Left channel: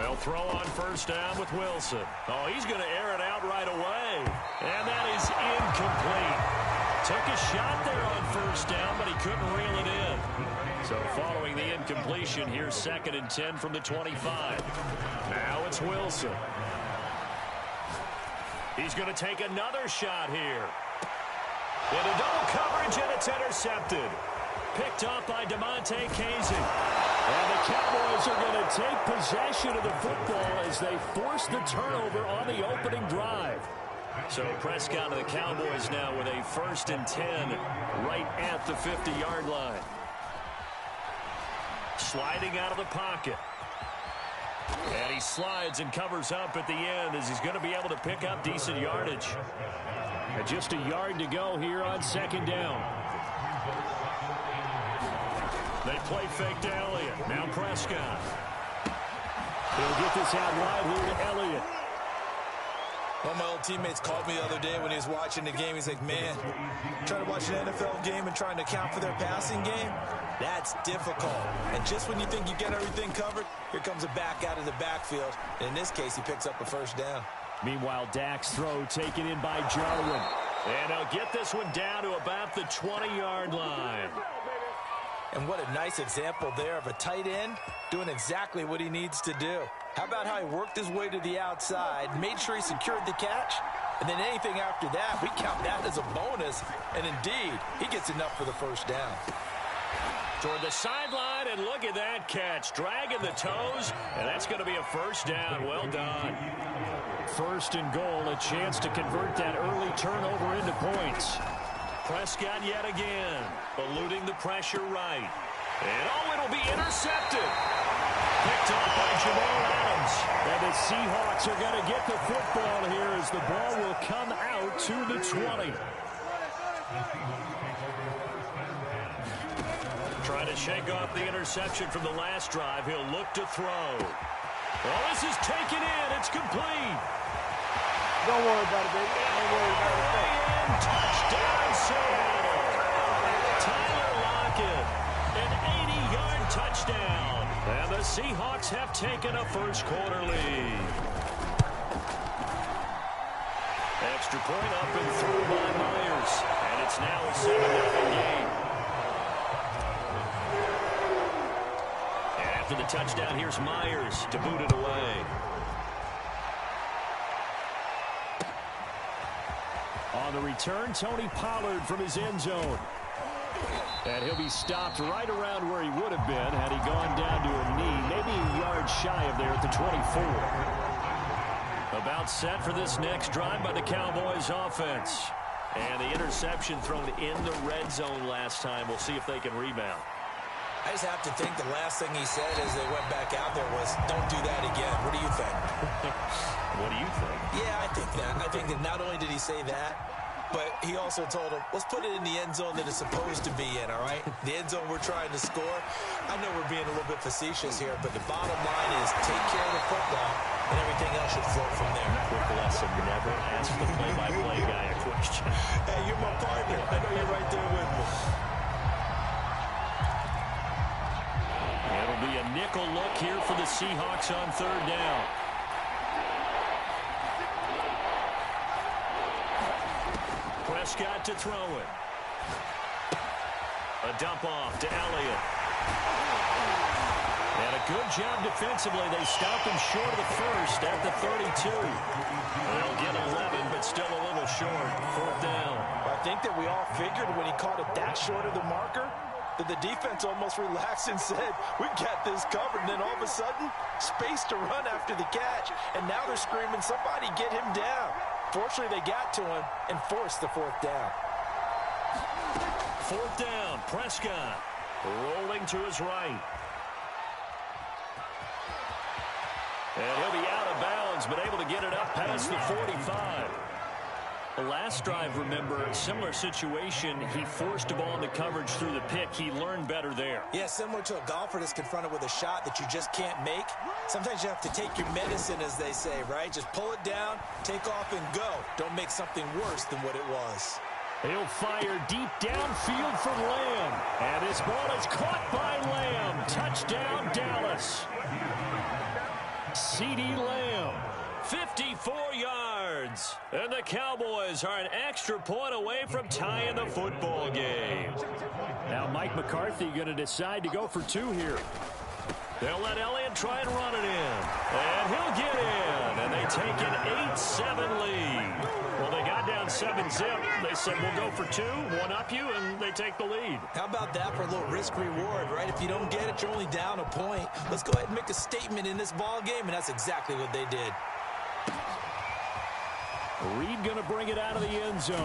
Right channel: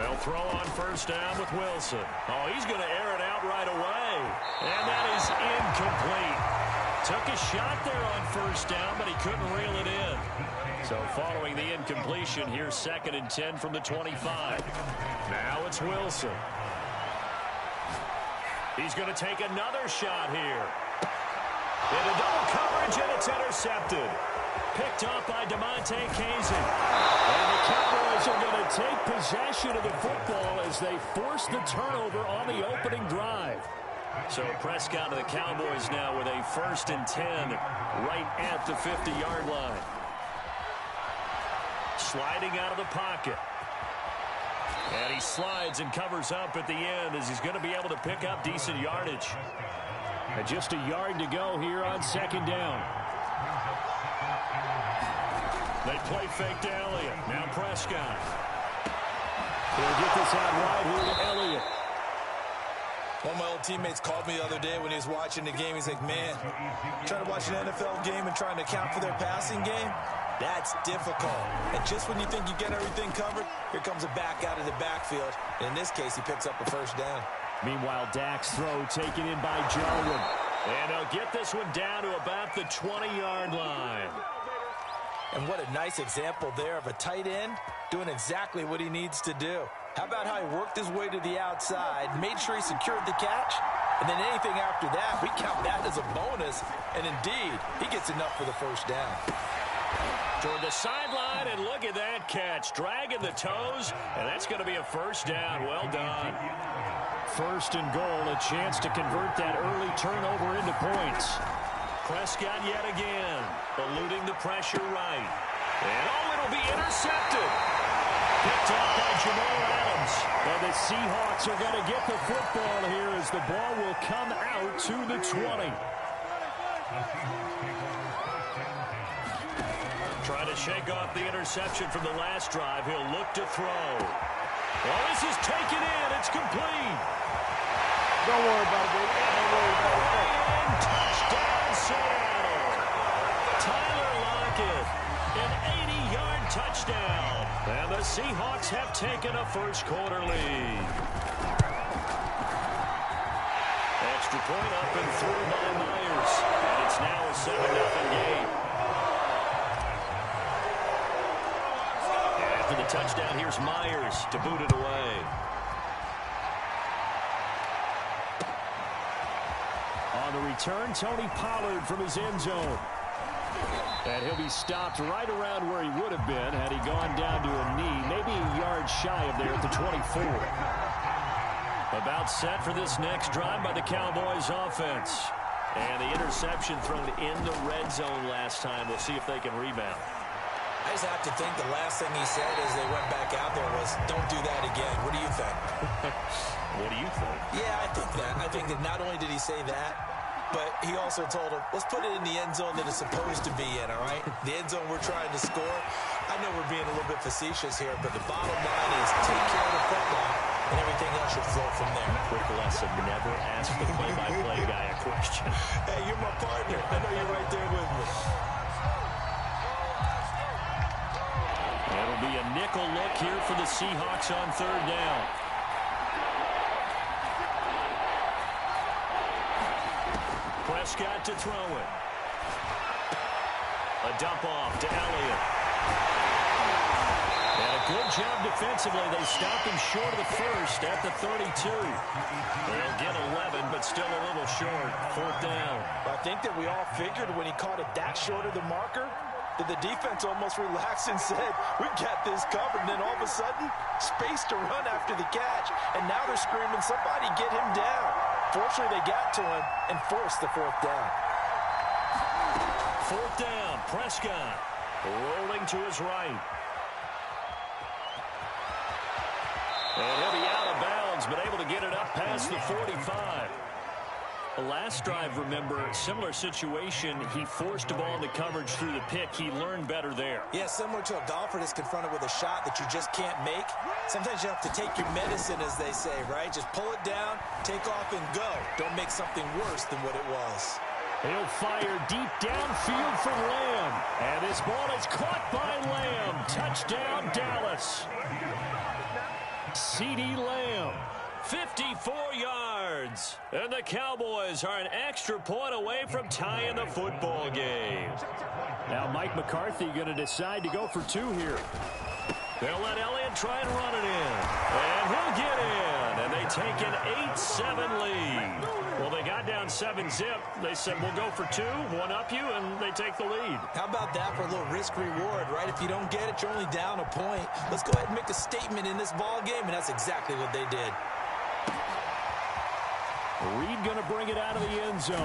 They'll throw on first down with Wilson. Oh, he's going to air it out right away. And that is incomplete. Took a shot there on first down, but he couldn't reel it in. So following the incompletion, here's 2nd and 10 from the 25. Now it's Wilson. He's going to take another shot here. Into double coverage, and it's intercepted. Picked off by DeMonte Casey. And the Cowboys are going to take possession of the football as they force the turnover on the opening drive. So Prescott and the Cowboys now with a 1st and 10 right at the 50-yard line. Sliding out of the pocket. And he slides and covers up at the end as he's going to be able to pick up decent yardage. And just a yard to go here on 2nd down. They play fake to Elliott. Now Prescott. He'll get this out wide here to Elliott. One of my old teammates called me the other day when he was watching the game. He's like, man, trying to watch an NFL game and trying to account for their passing game, that's difficult. And just when you think you get everything covered, here comes a back out of the backfield. And in this case, he picks up a 1st down. Meanwhile, Dak's throw taken in by Jarwin. And they'll get this one down to about the 20-yard line. And what a nice example there of a tight end doing exactly what he needs to do. How about how he worked his way to the outside, made sure he secured the catch, and then anything after that, we count that as a bonus. And indeed, he gets enough for the 1st down. Toward the sideline, and look at that catch. Dragging the toes, and that's going to be a 1st down. Well done. 1st and goal, a chance to convert that early turnover into points. Prescott yet again, eluding the pressure right. And oh, it'll be intercepted. Picked off by Jamal Adams. And the Seahawks are going to get the football here as the ball will come out to the 20. Trying to shake off the interception from the last drive. He'll look to throw. Well, this is taken in. It's complete. Don't worry about it, baby. Don't worry about it. And touchdown, Seattle. Tyler Lockett, an 80-yard touchdown. And the Seahawks have taken a first-quarter lead. Extra point up and through by Myers. And it's now a 7-0 game. And after the touchdown, here's Myers to boot it away. On the return, Tony Pollard from his end zone. And he'll be stopped right around where he would have been had he gone down to a knee, maybe a yard shy of there at the 24. About set for this next drive by the Cowboys offense. And the interception thrown in the red zone last time. We'll see if they can rebound. I just have to think the last thing he said as they went back out there was, don't do that again. What do you think? What do you think? Yeah, I think that. I think that not only did he say that, but he also told him, let's put it in the end zone that it's supposed to be in, all right? The end zone we're trying to score. I know we're being a little bit facetious here, but the bottom line is take care of the football, and everything else should flow from there. Quick lesson, never ask the play-by-play guy a question. Hey, you're my partner. I know you're right there with me. It'll be a nickel look here for the Seahawks on 3rd down. Prescott to throw it. A dump off to Elliott. And a good job defensively. They stopped him short of the first at the 32. They'll get 11, but still a little short. 4th down. I think that we all figured when he caught it that short of the marker, that the defense almost relaxed and said, we got this covered. And then all of a sudden, space to run after the catch. And now they're screaming, somebody get him down. Fortunately, they got to him and forced the 4th down. 4th down, Prescott rolling to his right. And he'll be out of bounds, but able to get it up past the 45. The last drive, remember, similar situation. He forced a ball into coverage through the pick. He learned better there. Yeah, similar to a golfer that's confronted with a shot that you just can't make. Sometimes you have to take your medicine, as they say, right? Just pull it down, take off, and go. Don't make something worse than what it was. He'll fire deep downfield for Lamb. And this ball is caught by Lamb. Touchdown, Dallas. CeeDee Lamb. 54 yards. And the Cowboys are an extra point away from tying the football game. Now Mike McCarthy going to decide to go for two here. They'll let Elliott try and run it in. And he'll get in. And they take an 8-7 lead. Well, they got down 7-zip. They said, we'll go for two, one up you, and they take the lead. How about that for a little risk-reward, right? If you don't get it, you're only down a point. Let's go ahead and make a statement in this ball game, and that's exactly what they did. Reed going to bring it out of the end zone.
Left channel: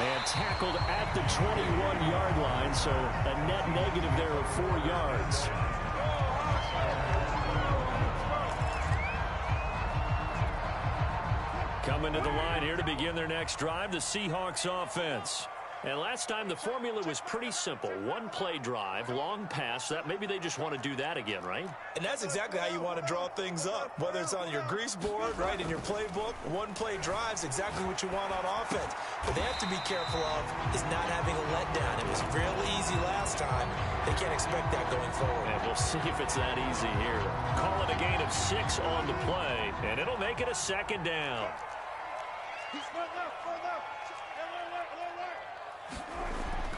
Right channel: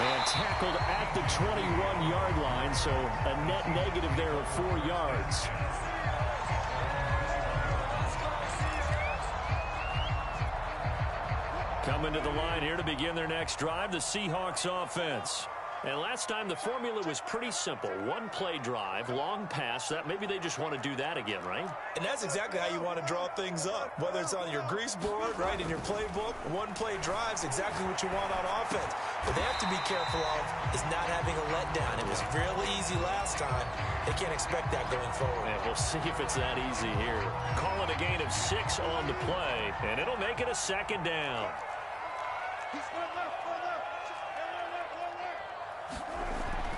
And tackled at the 21-yard line, so a net negative there of 4 yards. Coming to the line here to begin their next drive, the Seahawks offense. And last time the formula was pretty simple. One play drive, long pass. That maybe they just want to do that again, right? And that's exactly how you want to draw things up. Whether it's on your grease board, right, in your playbook, one play drive's exactly what you want on offense. What they have to be careful of is not having a letdown. It was real easy last time. They can't expect that going forward. And we'll see if it's that easy here. Call it a gain of 6 on the play, and it'll make it a second down.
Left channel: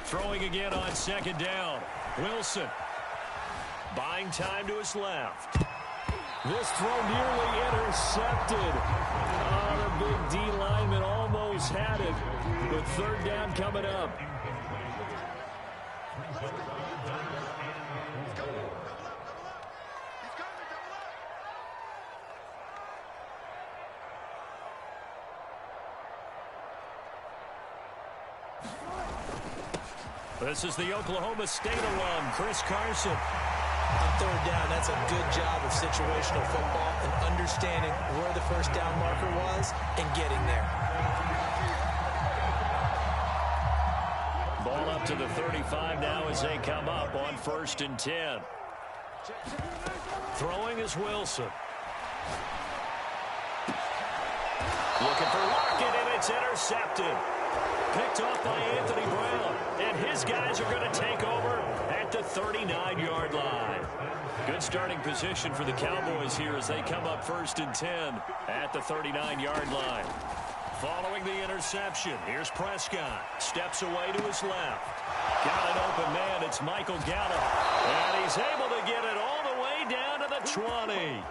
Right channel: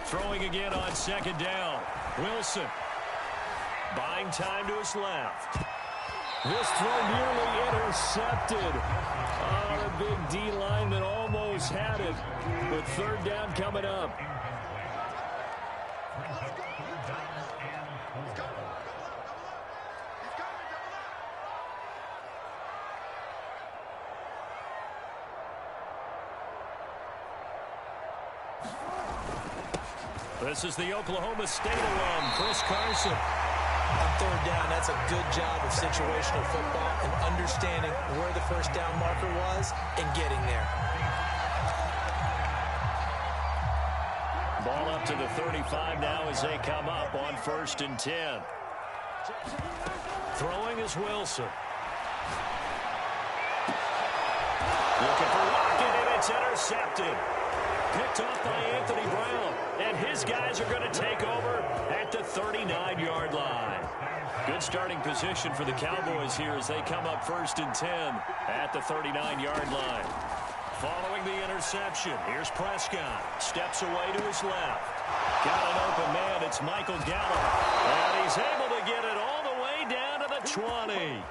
Throwing again on second down. Wilson. Buying time to his left. This throw nearly intercepted. Oh, the big D lineman almost had it. With third down coming up. This is the Oklahoma State alum, Chris Carson. On third down, that's a good job of situational football and understanding where the first down marker was and getting there. Ball up to the 35 now as they come up on 1st and 10. Throwing is Wilson. Looking for Lockett, and it's intercepted. Picked off by Anthony Brown. And his guys are going to take over at the 39-yard line. Good starting position for the Cowboys here as they come up 1st and 10 at the 39-yard line. Following the interception, here's Prescott. Steps away to his left. Got an open man. It's Michael Gallup. And he's able to get it all the way down to the 20.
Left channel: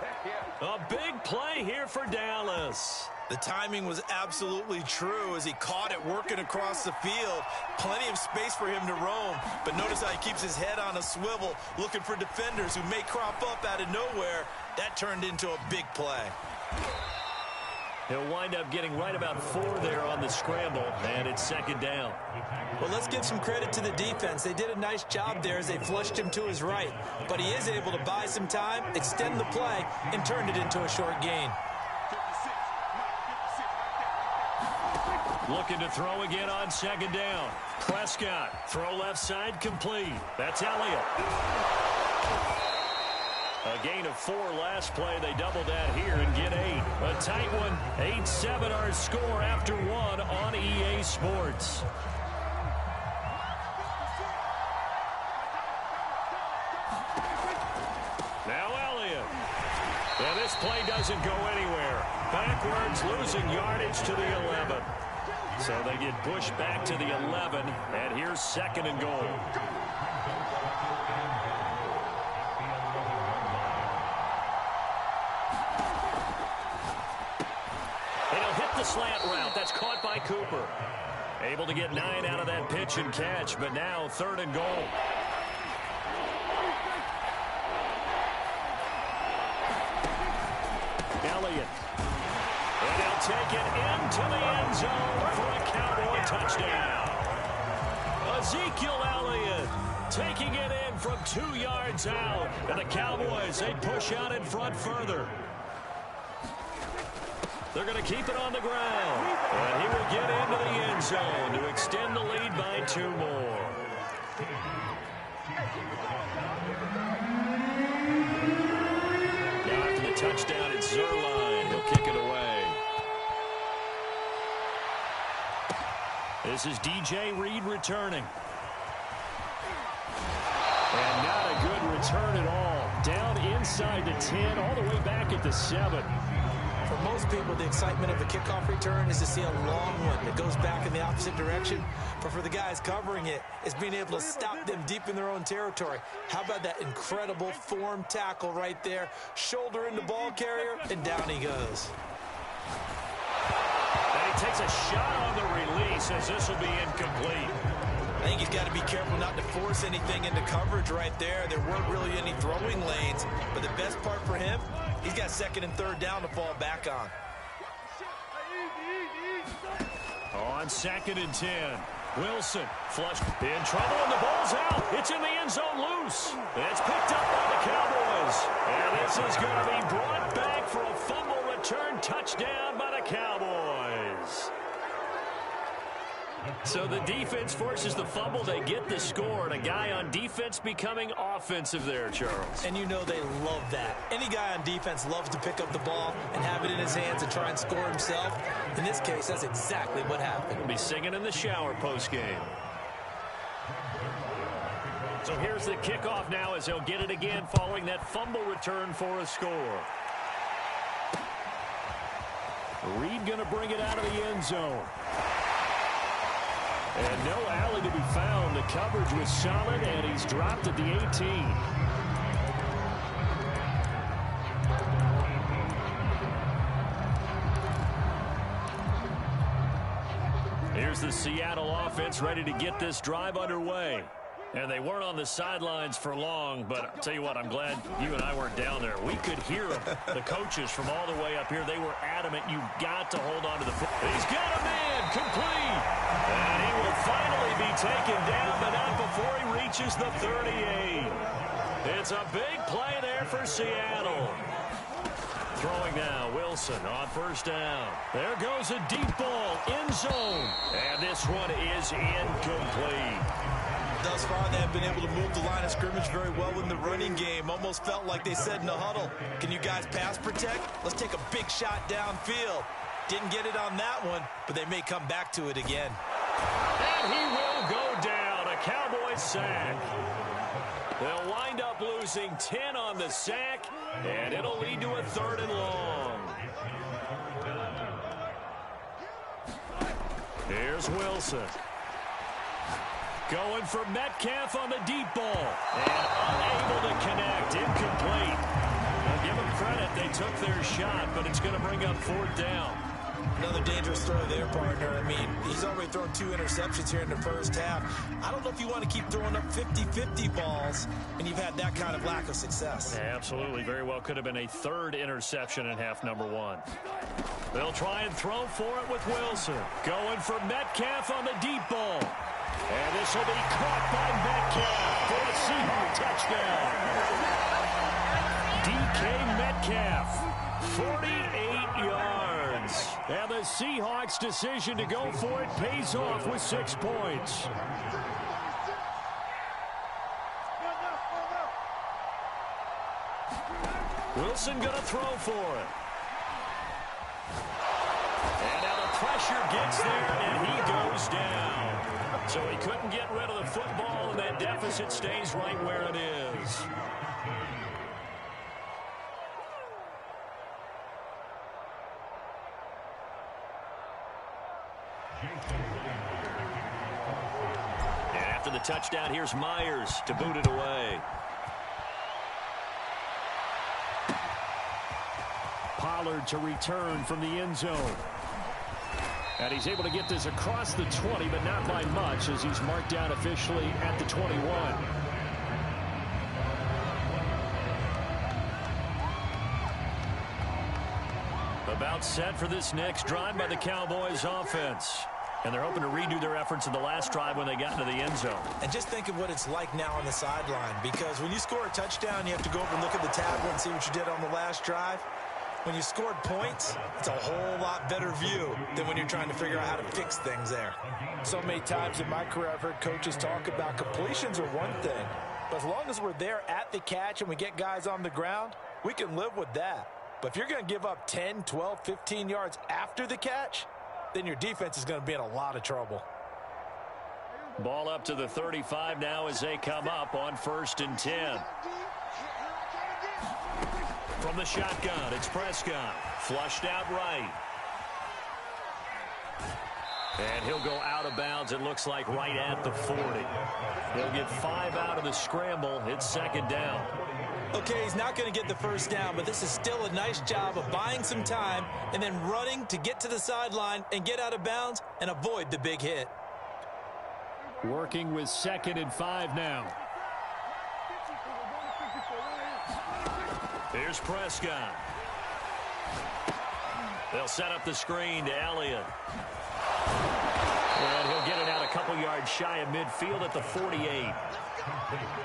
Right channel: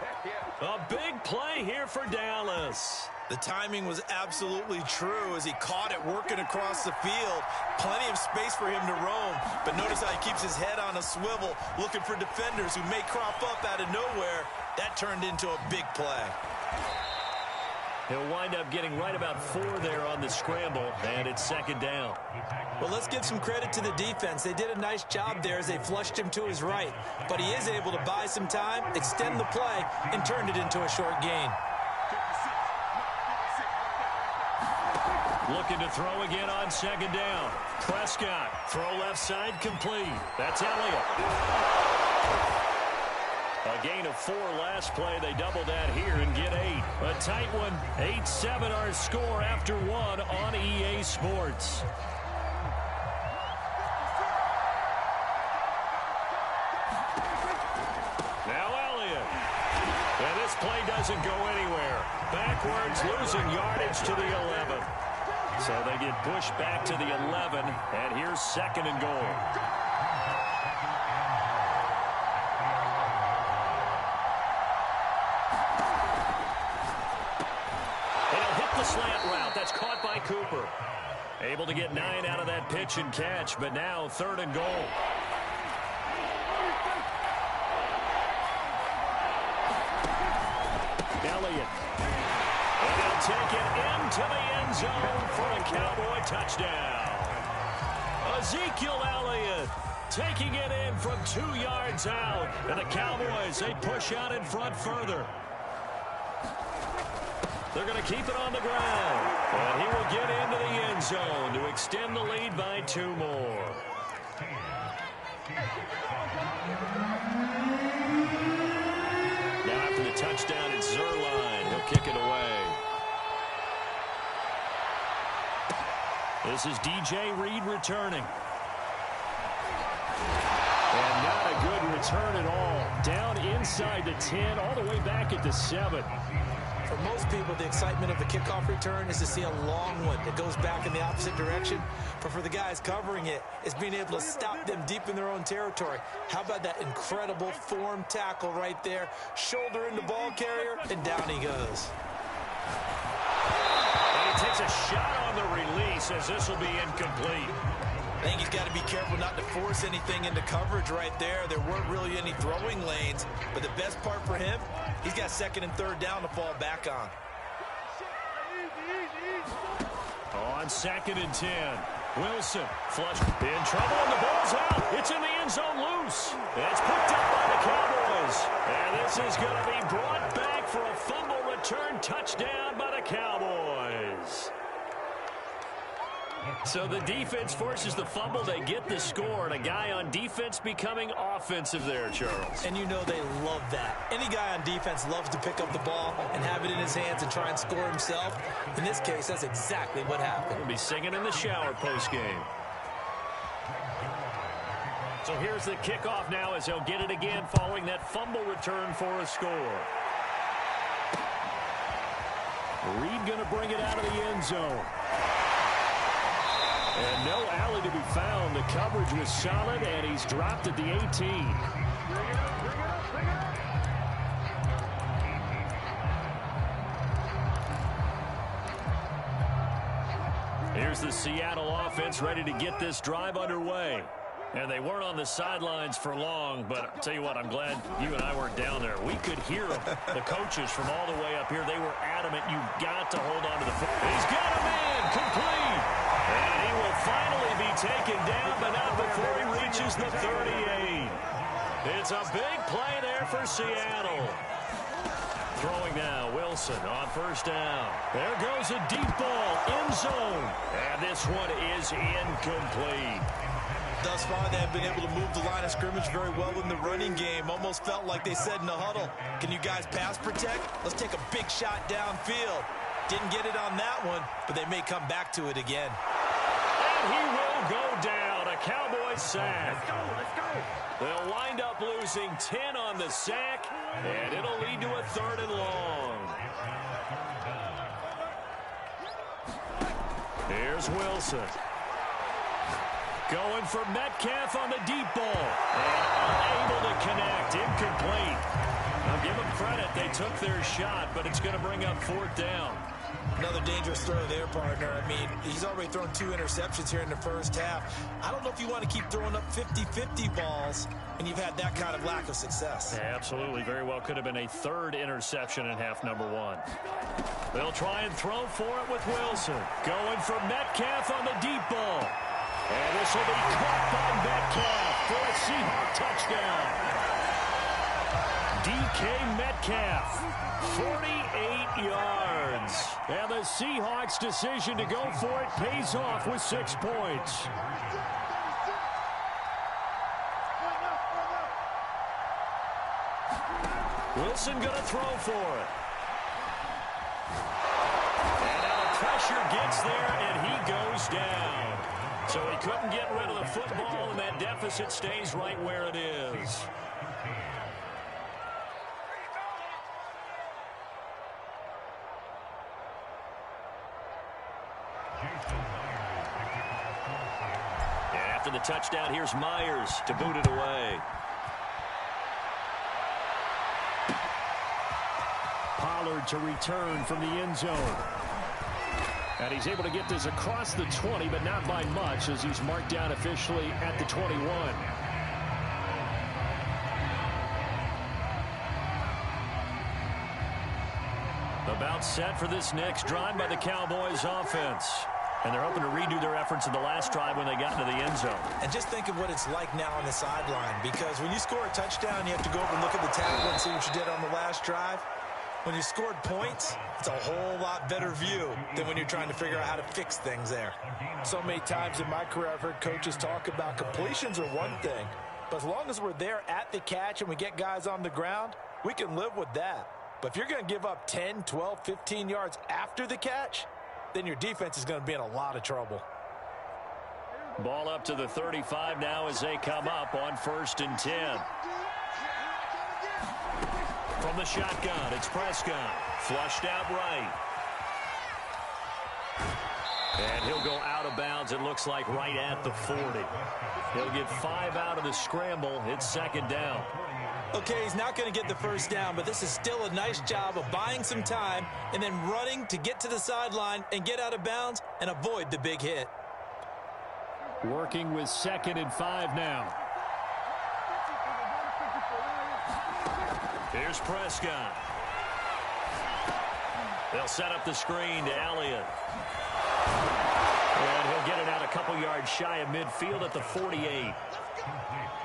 A big play here for Dallas. The timing was absolutely true as he caught it working across the field. Plenty of space for him to roam. But notice how he keeps his head on a swivel looking for defenders who may crop up out of nowhere. That turned into a big play. He'll wind up getting right about 4 there on the scramble, and it's second down. Well, let's give some credit to the defense. They did a nice job there as they flushed him to his right. But he is able to buy some time, extend the play, and turned it into a short gain. Looking to throw again on second down. Prescott, throw left side complete. That's Elliott. A gain of 4 last play. They double that here and get 8. A tight one. 8-7 our score after 1 on EA Sports. Now Elliott. And this play doesn't go anywhere. Backwards, losing yardage to the 11. So they get pushed back to the 11, and here's 2nd and goal. He'll hit the slant route. That's caught by Cooper. Able to get 9 out of that pitch and catch, but now 3rd and goal. Elliott. And he'll take it into the end zone for a Cowboy touchdown. Ezekiel Elliott taking it in from 2 yards out. And the Cowboys, they push out in front further. They're going to keep it on the ground. And he will get into the end zone to extend the lead by 2 more. Now after the touchdown, it's Zuerlein. He'll kick it away. This is DJ Reed returning. And not a good return at all. Down inside the 10, all the way back at the 7. For most people, the excitement of the kickoff return is to see a long one that goes back in the opposite direction. But for the guys covering it, it's being able to stop them deep in their own territory. How about that incredible form tackle right there? Shoulder into ball carrier, and down he goes. And he takes a shot on the release as this will be incomplete. I think he's got to be careful not to force anything into coverage right there. There weren't really any throwing lanes, but the best part for him, he's got second and third down to fall back on. On 2nd and 10, Wilson flushed in trouble, and the ball's out. It's in the end zone loose. It's picked up by the Cowboys. And this is going to be brought back for a fumble return touchdown by the Cowboys. So the defense forces the fumble. They get the score, and a guy on defense becoming offensive there, Charles. And you know they love that. Any guy on defense loves to pick up the ball and have it in his hands and try and score himself. In this case, that's exactly what happened. He'll be singing in the shower postgame. So here's the kickoff now as they'll get it again following that fumble return for a score. Reed going to bring it out of the end zone. And no alley to be found. The coverage was solid, and he's dropped at the 18. Here's the Seattle offense ready to get this drive underway. And they weren't on the sidelines for long, but I'll tell you what, I'm glad you and I weren't down there. We could hear them, the coaches from all the way up here. They were adamant, you've got to hold on to the football. He's got a man, complete. And he will finally be taken down, but not before he reaches the 38. It's a big play there for Seattle. Throwing now, Wilson on first down. There goes a deep ball, end zone. And this one is incomplete. Thus far, they have been able to move the line of scrimmage very well in the running game. Almost felt like they said in the huddle, can you guys pass protect? Let's take a big shot downfield. Didn't get it on that one, but they may come back to it again. And he will go down. A Cowboys sack. They'll wind up losing 10 on the sack, and it'll lead to a 3rd and long. Here's Wilson. Going for Metcalf on the deep ball. And unable to connect. Incomplete. Now give them credit. They took their shot, but it's going to bring up 4th down. Another dangerous throw there, partner. I mean, he's already thrown 2 interceptions here in the first half. I don't know if you want to keep throwing up 50-50 balls, and you've had that kind of lack of success. Yeah, absolutely. Very well could have been a 3rd interception in half number 1. They'll try and throw for it with Wilson. Going for Metcalf on the deep ball. And this will be caught by Metcalf for a Seahawk touchdown. DK Metcalf, 48 yards. And the Seahawks' decision to go for it pays off with 6 points. Wilson going to throw for it. And now the pressure gets there, and he goes down. So he couldn't get rid of the football, and that deficit stays right where it is. And after the touchdown, here's Myers to boot it away. Pollard to return from the end zone. And he's able to get this across the 20, but not by much, as he's marked down officially at the 21. About set for this next drive by the Cowboys offense. And they're hoping to redo their efforts in the last drive when they got into the end zone. And just think of what it's like now on the sideline, because when you score a touchdown, you have to go over and look at the tablet and see what you did on the last drive. When you scored points, it's a whole lot better view than when you're trying to figure out how to fix things there. So many times in my career, I've heard coaches talk about completions are one thing, but as long as we're there at the catch and we get guys on the ground, we can live with that. But if you're going to give up 10, 12, 15 yards after the catch, then your defense is going to be in a lot of trouble. Ball up to the 35 now as they come up on 1st and 10. From the shotgun, it's Prescott. Flushed out right. And he'll go out of bounds, it looks like, right at the 40. He'll get 5 out of the scramble. It's second down. Okay, he's not going to get the first down, but this is still a nice job of buying some time and then running to get to the sideline and get out of bounds and avoid the big hit. Working with 2nd and 5 now. Here's Prescott. They'll set up the screen to Elliott. And he'll get it out a couple yards shy of midfield at the 48.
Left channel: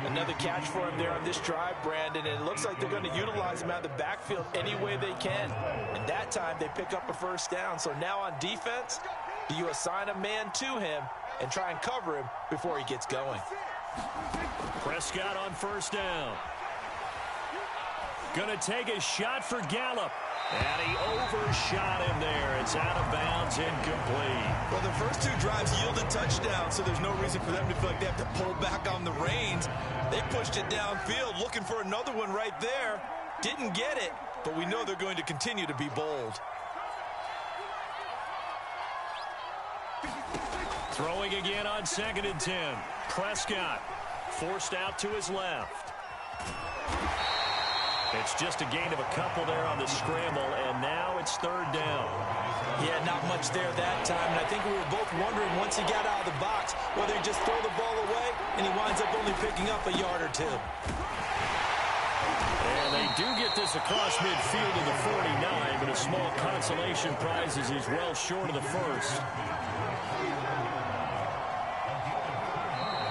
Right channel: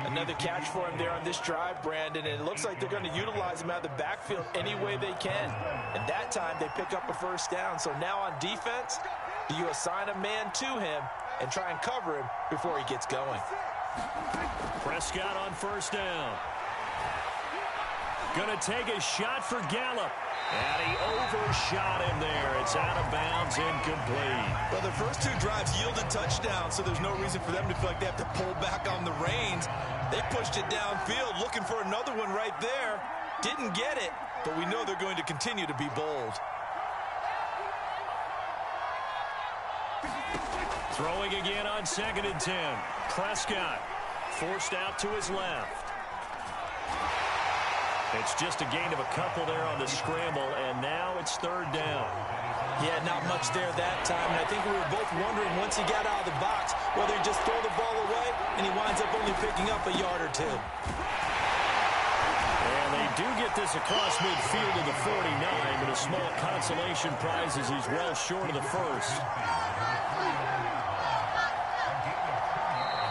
Another catch for him there on this drive, Brandon. And it looks like they're going to utilize him out of the backfield any way they can. And that time they pick up a first down. So now on defense, do you assign a man to him and try and cover him before he gets going? Prescott on first down. Going to take a shot for Gallup. And he overshot him there. It's out of bounds, incomplete. Well, the first 2 drives yielded touchdowns, so there's no reason for them to feel like they have to pull back on the reins. They pushed it downfield, looking for another one right there. Didn't get it, but we know they're going to continue to be bold. Throwing again on 2nd and 10. Prescott forced out to his left. It's just a gain of a couple there on the scramble, and now it's 3rd down. Yeah, not much there that time, and I think we were both wondering once he got out of the box whether he'd just throw the ball away, and he winds up only picking up a yard or 2. And they do get this across midfield to the 49, but a small consolation prize as he's well short of the first.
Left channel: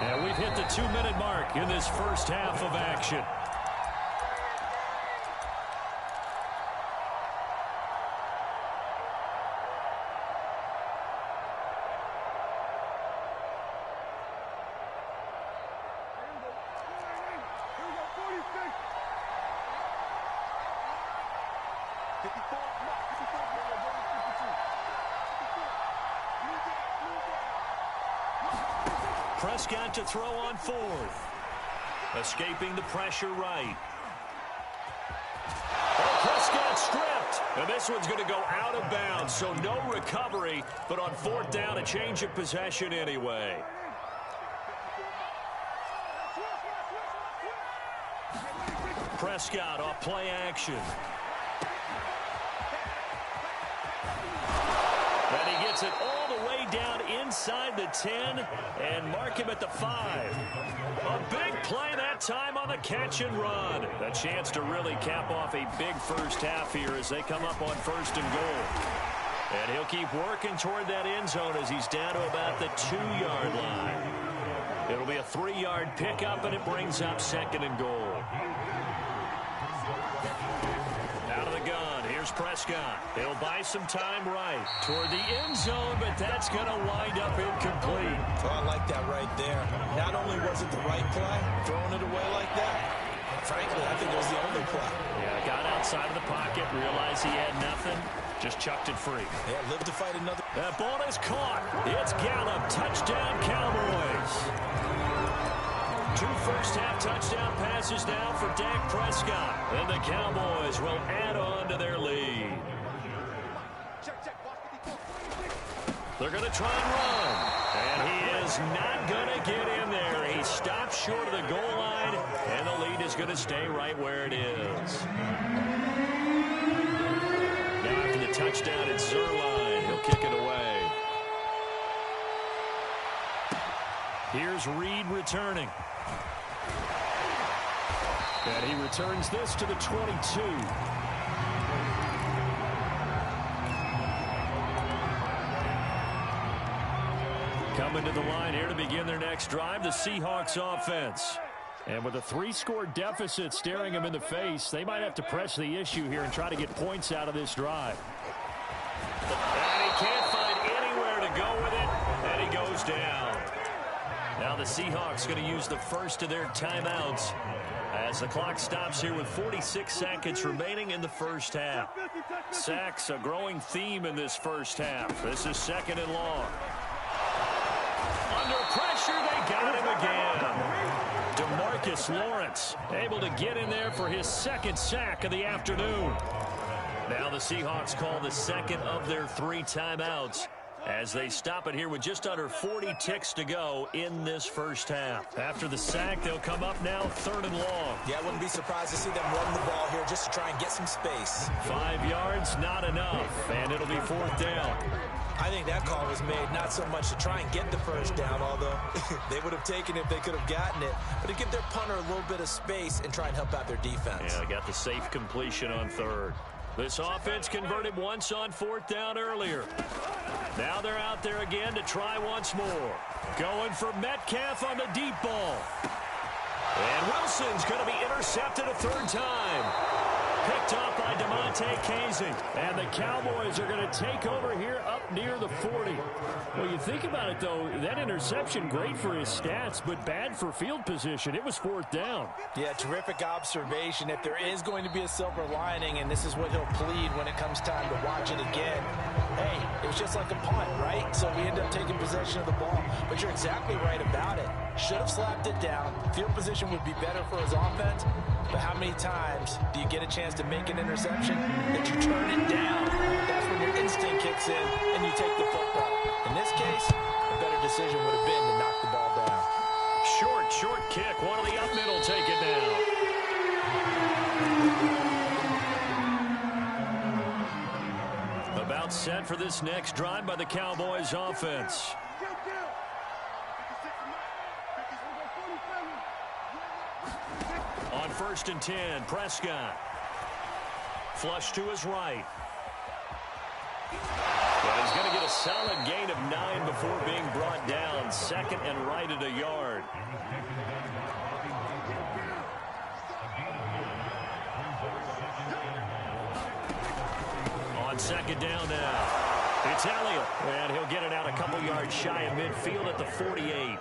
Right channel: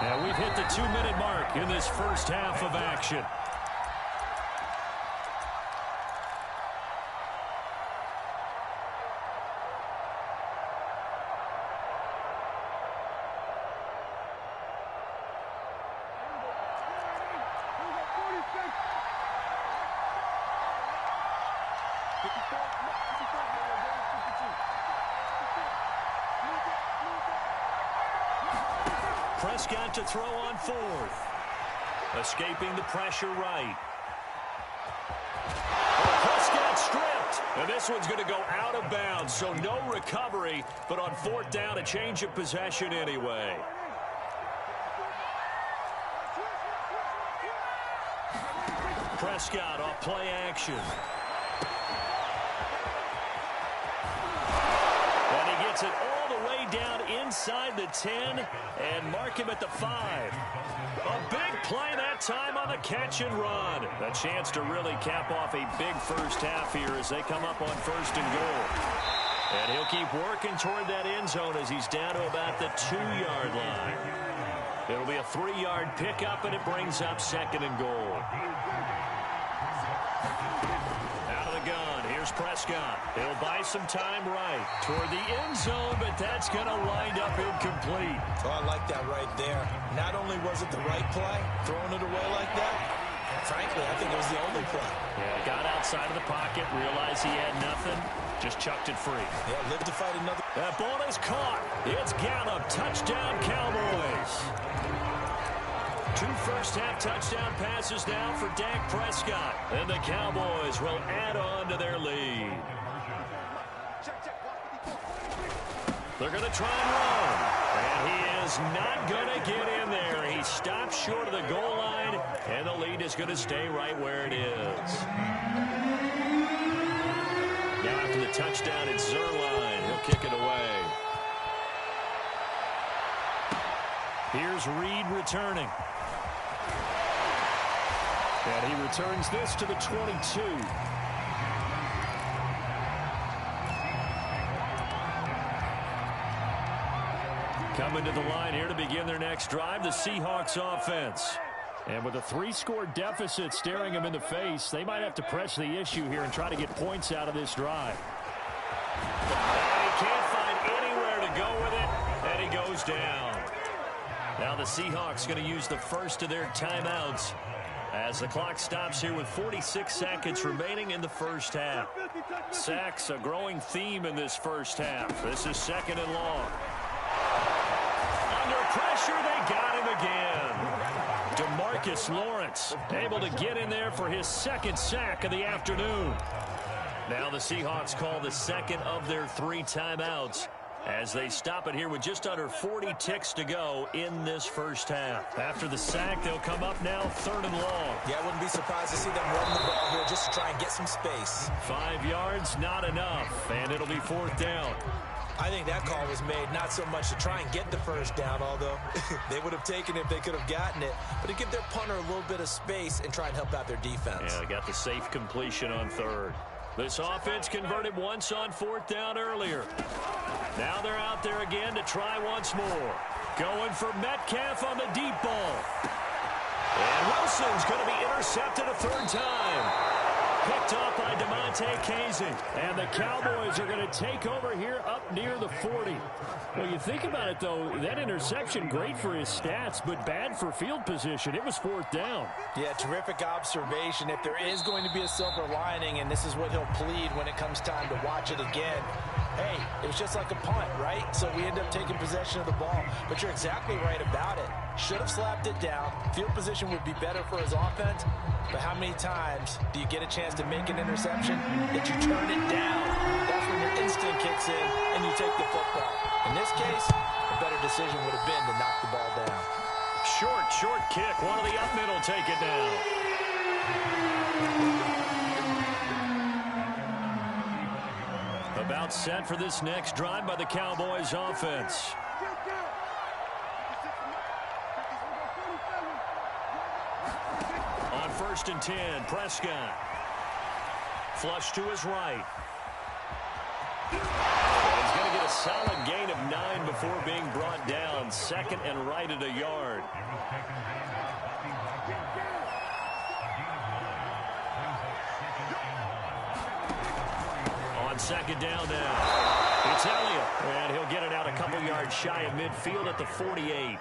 And we've hit the 2-minute mark in this first half of action. Prescott to throw on 4th. Escaping the pressure right. Oh, Prescott stripped. And this one's going to go out of bounds, so no recovery. But on 4th down, a change of possession anyway. Prescott off play action. And he gets it all the way down inside the 10 and mark him at the 5. A big play that time on the catch and run. A chance to really cap off a big first half here as they come up on 1st and goal. And he'll keep working toward that end zone as he's down to about the 2-yard line. It'll be a 3-yard pickup, and it brings up 2nd and goal. Out of the gun, here's Prescott. He'll buy some time right toward the end zone, but that's going to wind up incomplete. Oh, I like that right there. Not only was it the right play, throwing it away like that, frankly, I think it was the only play. Yeah, got outside of the pocket, realized he had nothing, just chucked it free. Yeah, lived to fight another. That ball is caught. It's Gallup. Touchdown, Cowboys. 2 first-half touchdown passes now for Dak Prescott. And the Cowboys will add on to their lead. They're going to try and run. And he is not going to get in there. He stops short of the goal line, and the lead is going to stay right where it is. Now after the touchdown, it's Zerline. He'll kick it away. Here's Reed returning. And he returns this to the 22. Coming to the line here to begin their next drive, the Seahawks offense. And with a 3-score deficit staring them in the face, they might have to press the issue here and try to get points out of this drive. And he can't find anywhere to go with it, and he goes down. Now the Seahawks going to use the first of their timeouts as the clock stops here with 46 seconds remaining in the first half. Sacks, a growing theme in this first half. This is 2nd and long. Under pressure, they got him again. DeMarcus Lawrence able to get in there for his second sack of the afternoon. Now the Seahawks call the second of their 3 timeouts as they stop it here with just under 40 ticks to go in this first half. After the sack, they'll come up now 3rd and long. Yeah, I wouldn't be surprised to see them run the ball here just to try and get some space. 5 yards, not enough, and it'll be 4th down. I think that call was made not so much to try and get the first down, although they would have taken it if they could have gotten it, but to give their punter a little bit of space and try and help out their defense. Yeah, they got the safe completion on 3rd. This offense converted once on 4th down earlier. Now they're out there again to try once more. Going for Metcalf on the deep ball. And Wilson's going to be intercepted a 3rd time. Picked off by DeMonte Casey. And the Cowboys are going to take over here up near the 40. Well, you think about it, though, that interception, great for his stats, but bad for field position. It was 4th down. Yeah, terrific observation. If there is going to be a silver lining, and this is what he'll plead when it comes time to watch it again, hey, it was just like a punt, right? So we end up taking possession of the ball. But you're exactly right about it. Should have slapped it down. Field position would be better for his offense. But how many times do you get a chance to make an interception that you turn it down? That's when your instinct kicks in and you take the football. In this case, a better decision would have been to knock the ball down. Short kick. One of the up middle take it down. About set for this next drive by the Cowboys offense. On 1st and 10, Prescott. Flush to his right. Well, he's going to get a solid gain of 9 before being brought down. 2nd and right at a yard. On 2nd down now. It's Elliott. And he'll get it out a couple yards shy of midfield at the 48.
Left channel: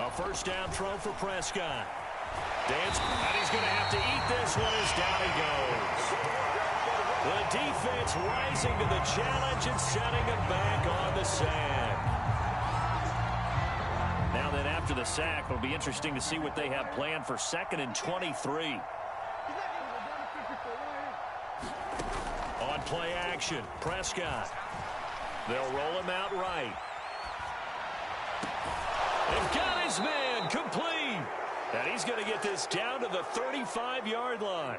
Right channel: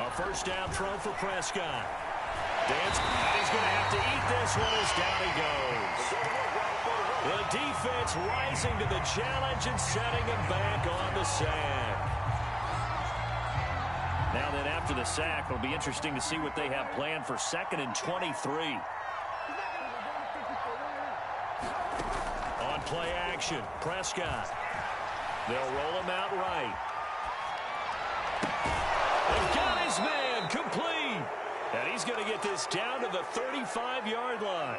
A 1st down throw for Prescott. Dance, and he's going to have to eat this one as down he goes. The defense rising to the challenge and setting him back on the sack. Now then, after the sack, it'll be interesting to see what they have planned for 2nd and 23. On play action, Prescott. They'll roll him out right. They've got his man complete. And he's going to get this down to the 35-yard line.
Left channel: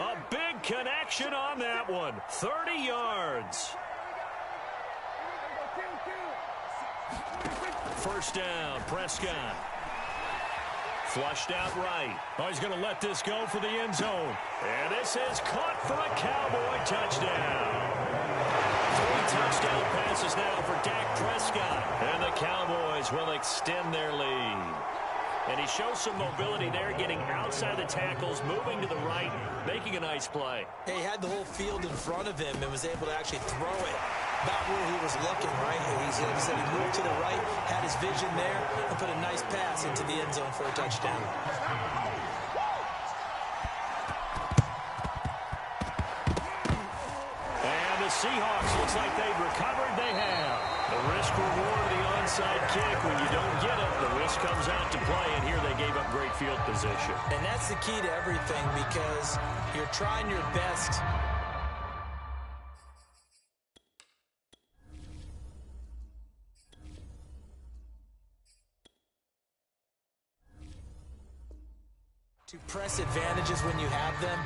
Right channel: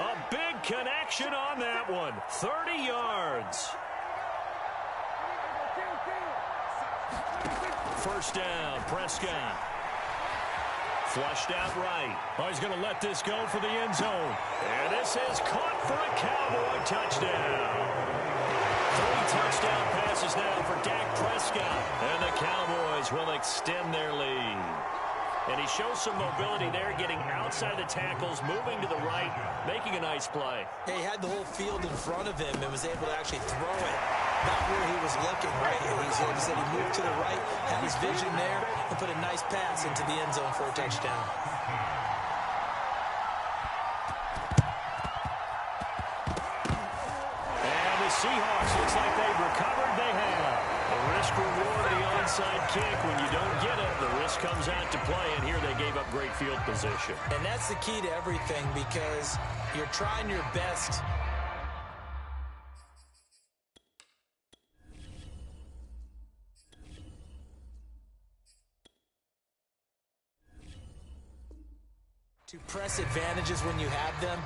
A big connection on that one. 30 yards. 1st down, Prescott. Flushed out right. Oh, he's going to let this go for the end zone. And this is caught for a Cowboy touchdown. 3 touchdown passes now for Dak Prescott. And the Cowboys will extend their lead. And he shows some mobility there, getting outside the tackles, moving to the right, making a nice play. He had the whole field in front of him and was able to actually throw it about where he was looking, right? He said he moved to the right, had his vision there, and put a nice pass into the end zone for a touchdown. And the Seahawks, looks like they've recovered. They have. The risk reward of the onside kick. When you don't get it, the risk comes out to play, and here they gave up great field position. And that's the key to everything, because you're trying your best. To press advantages when you have them,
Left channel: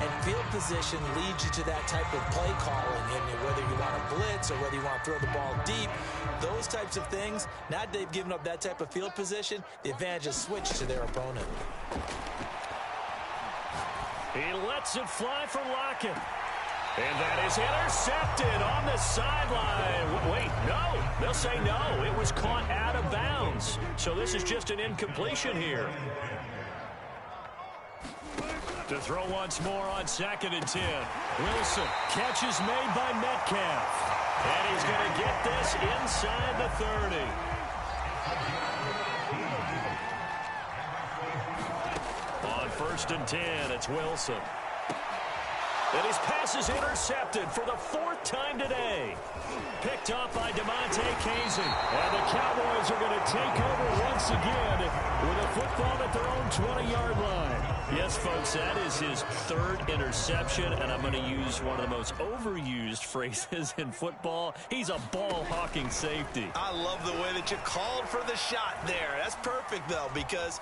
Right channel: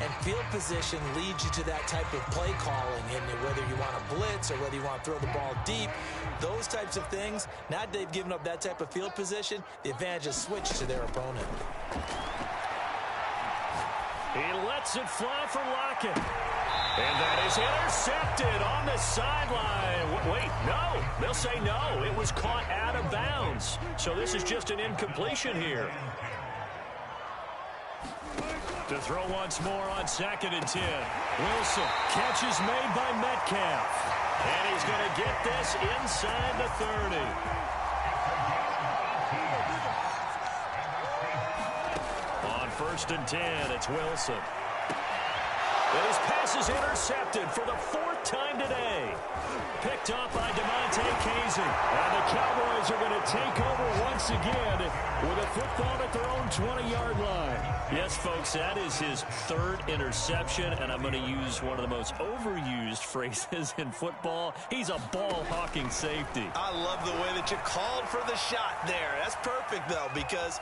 and field position leads you to that type of play calling, and whether you want to blitz or whether you want to throw the ball deep, those types of things. Now that they've given up that type of field position, the advantage is switched to their opponent. He lets it fly for Lockett. And that is intercepted on the sideline. Wait, no. They'll say no. It was caught out of bounds. So this is just an incompletion here. To throw once more on 2nd and 10. Wilson, catch is made by Metcalf. And he's going to get this inside the 30. On 1st and 10, it's Wilson. And his pass is intercepted for the 4th time today. Picked off by DeMonte Casey. And the Cowboys are going to take over once again with a football at their own 20-yard line. Yes, folks, that is his 3rd interception, and I'm going to use one of the most overused phrases in football. He's a ball-hawking safety. I love the way that you called for the shot there. That's perfect, though, because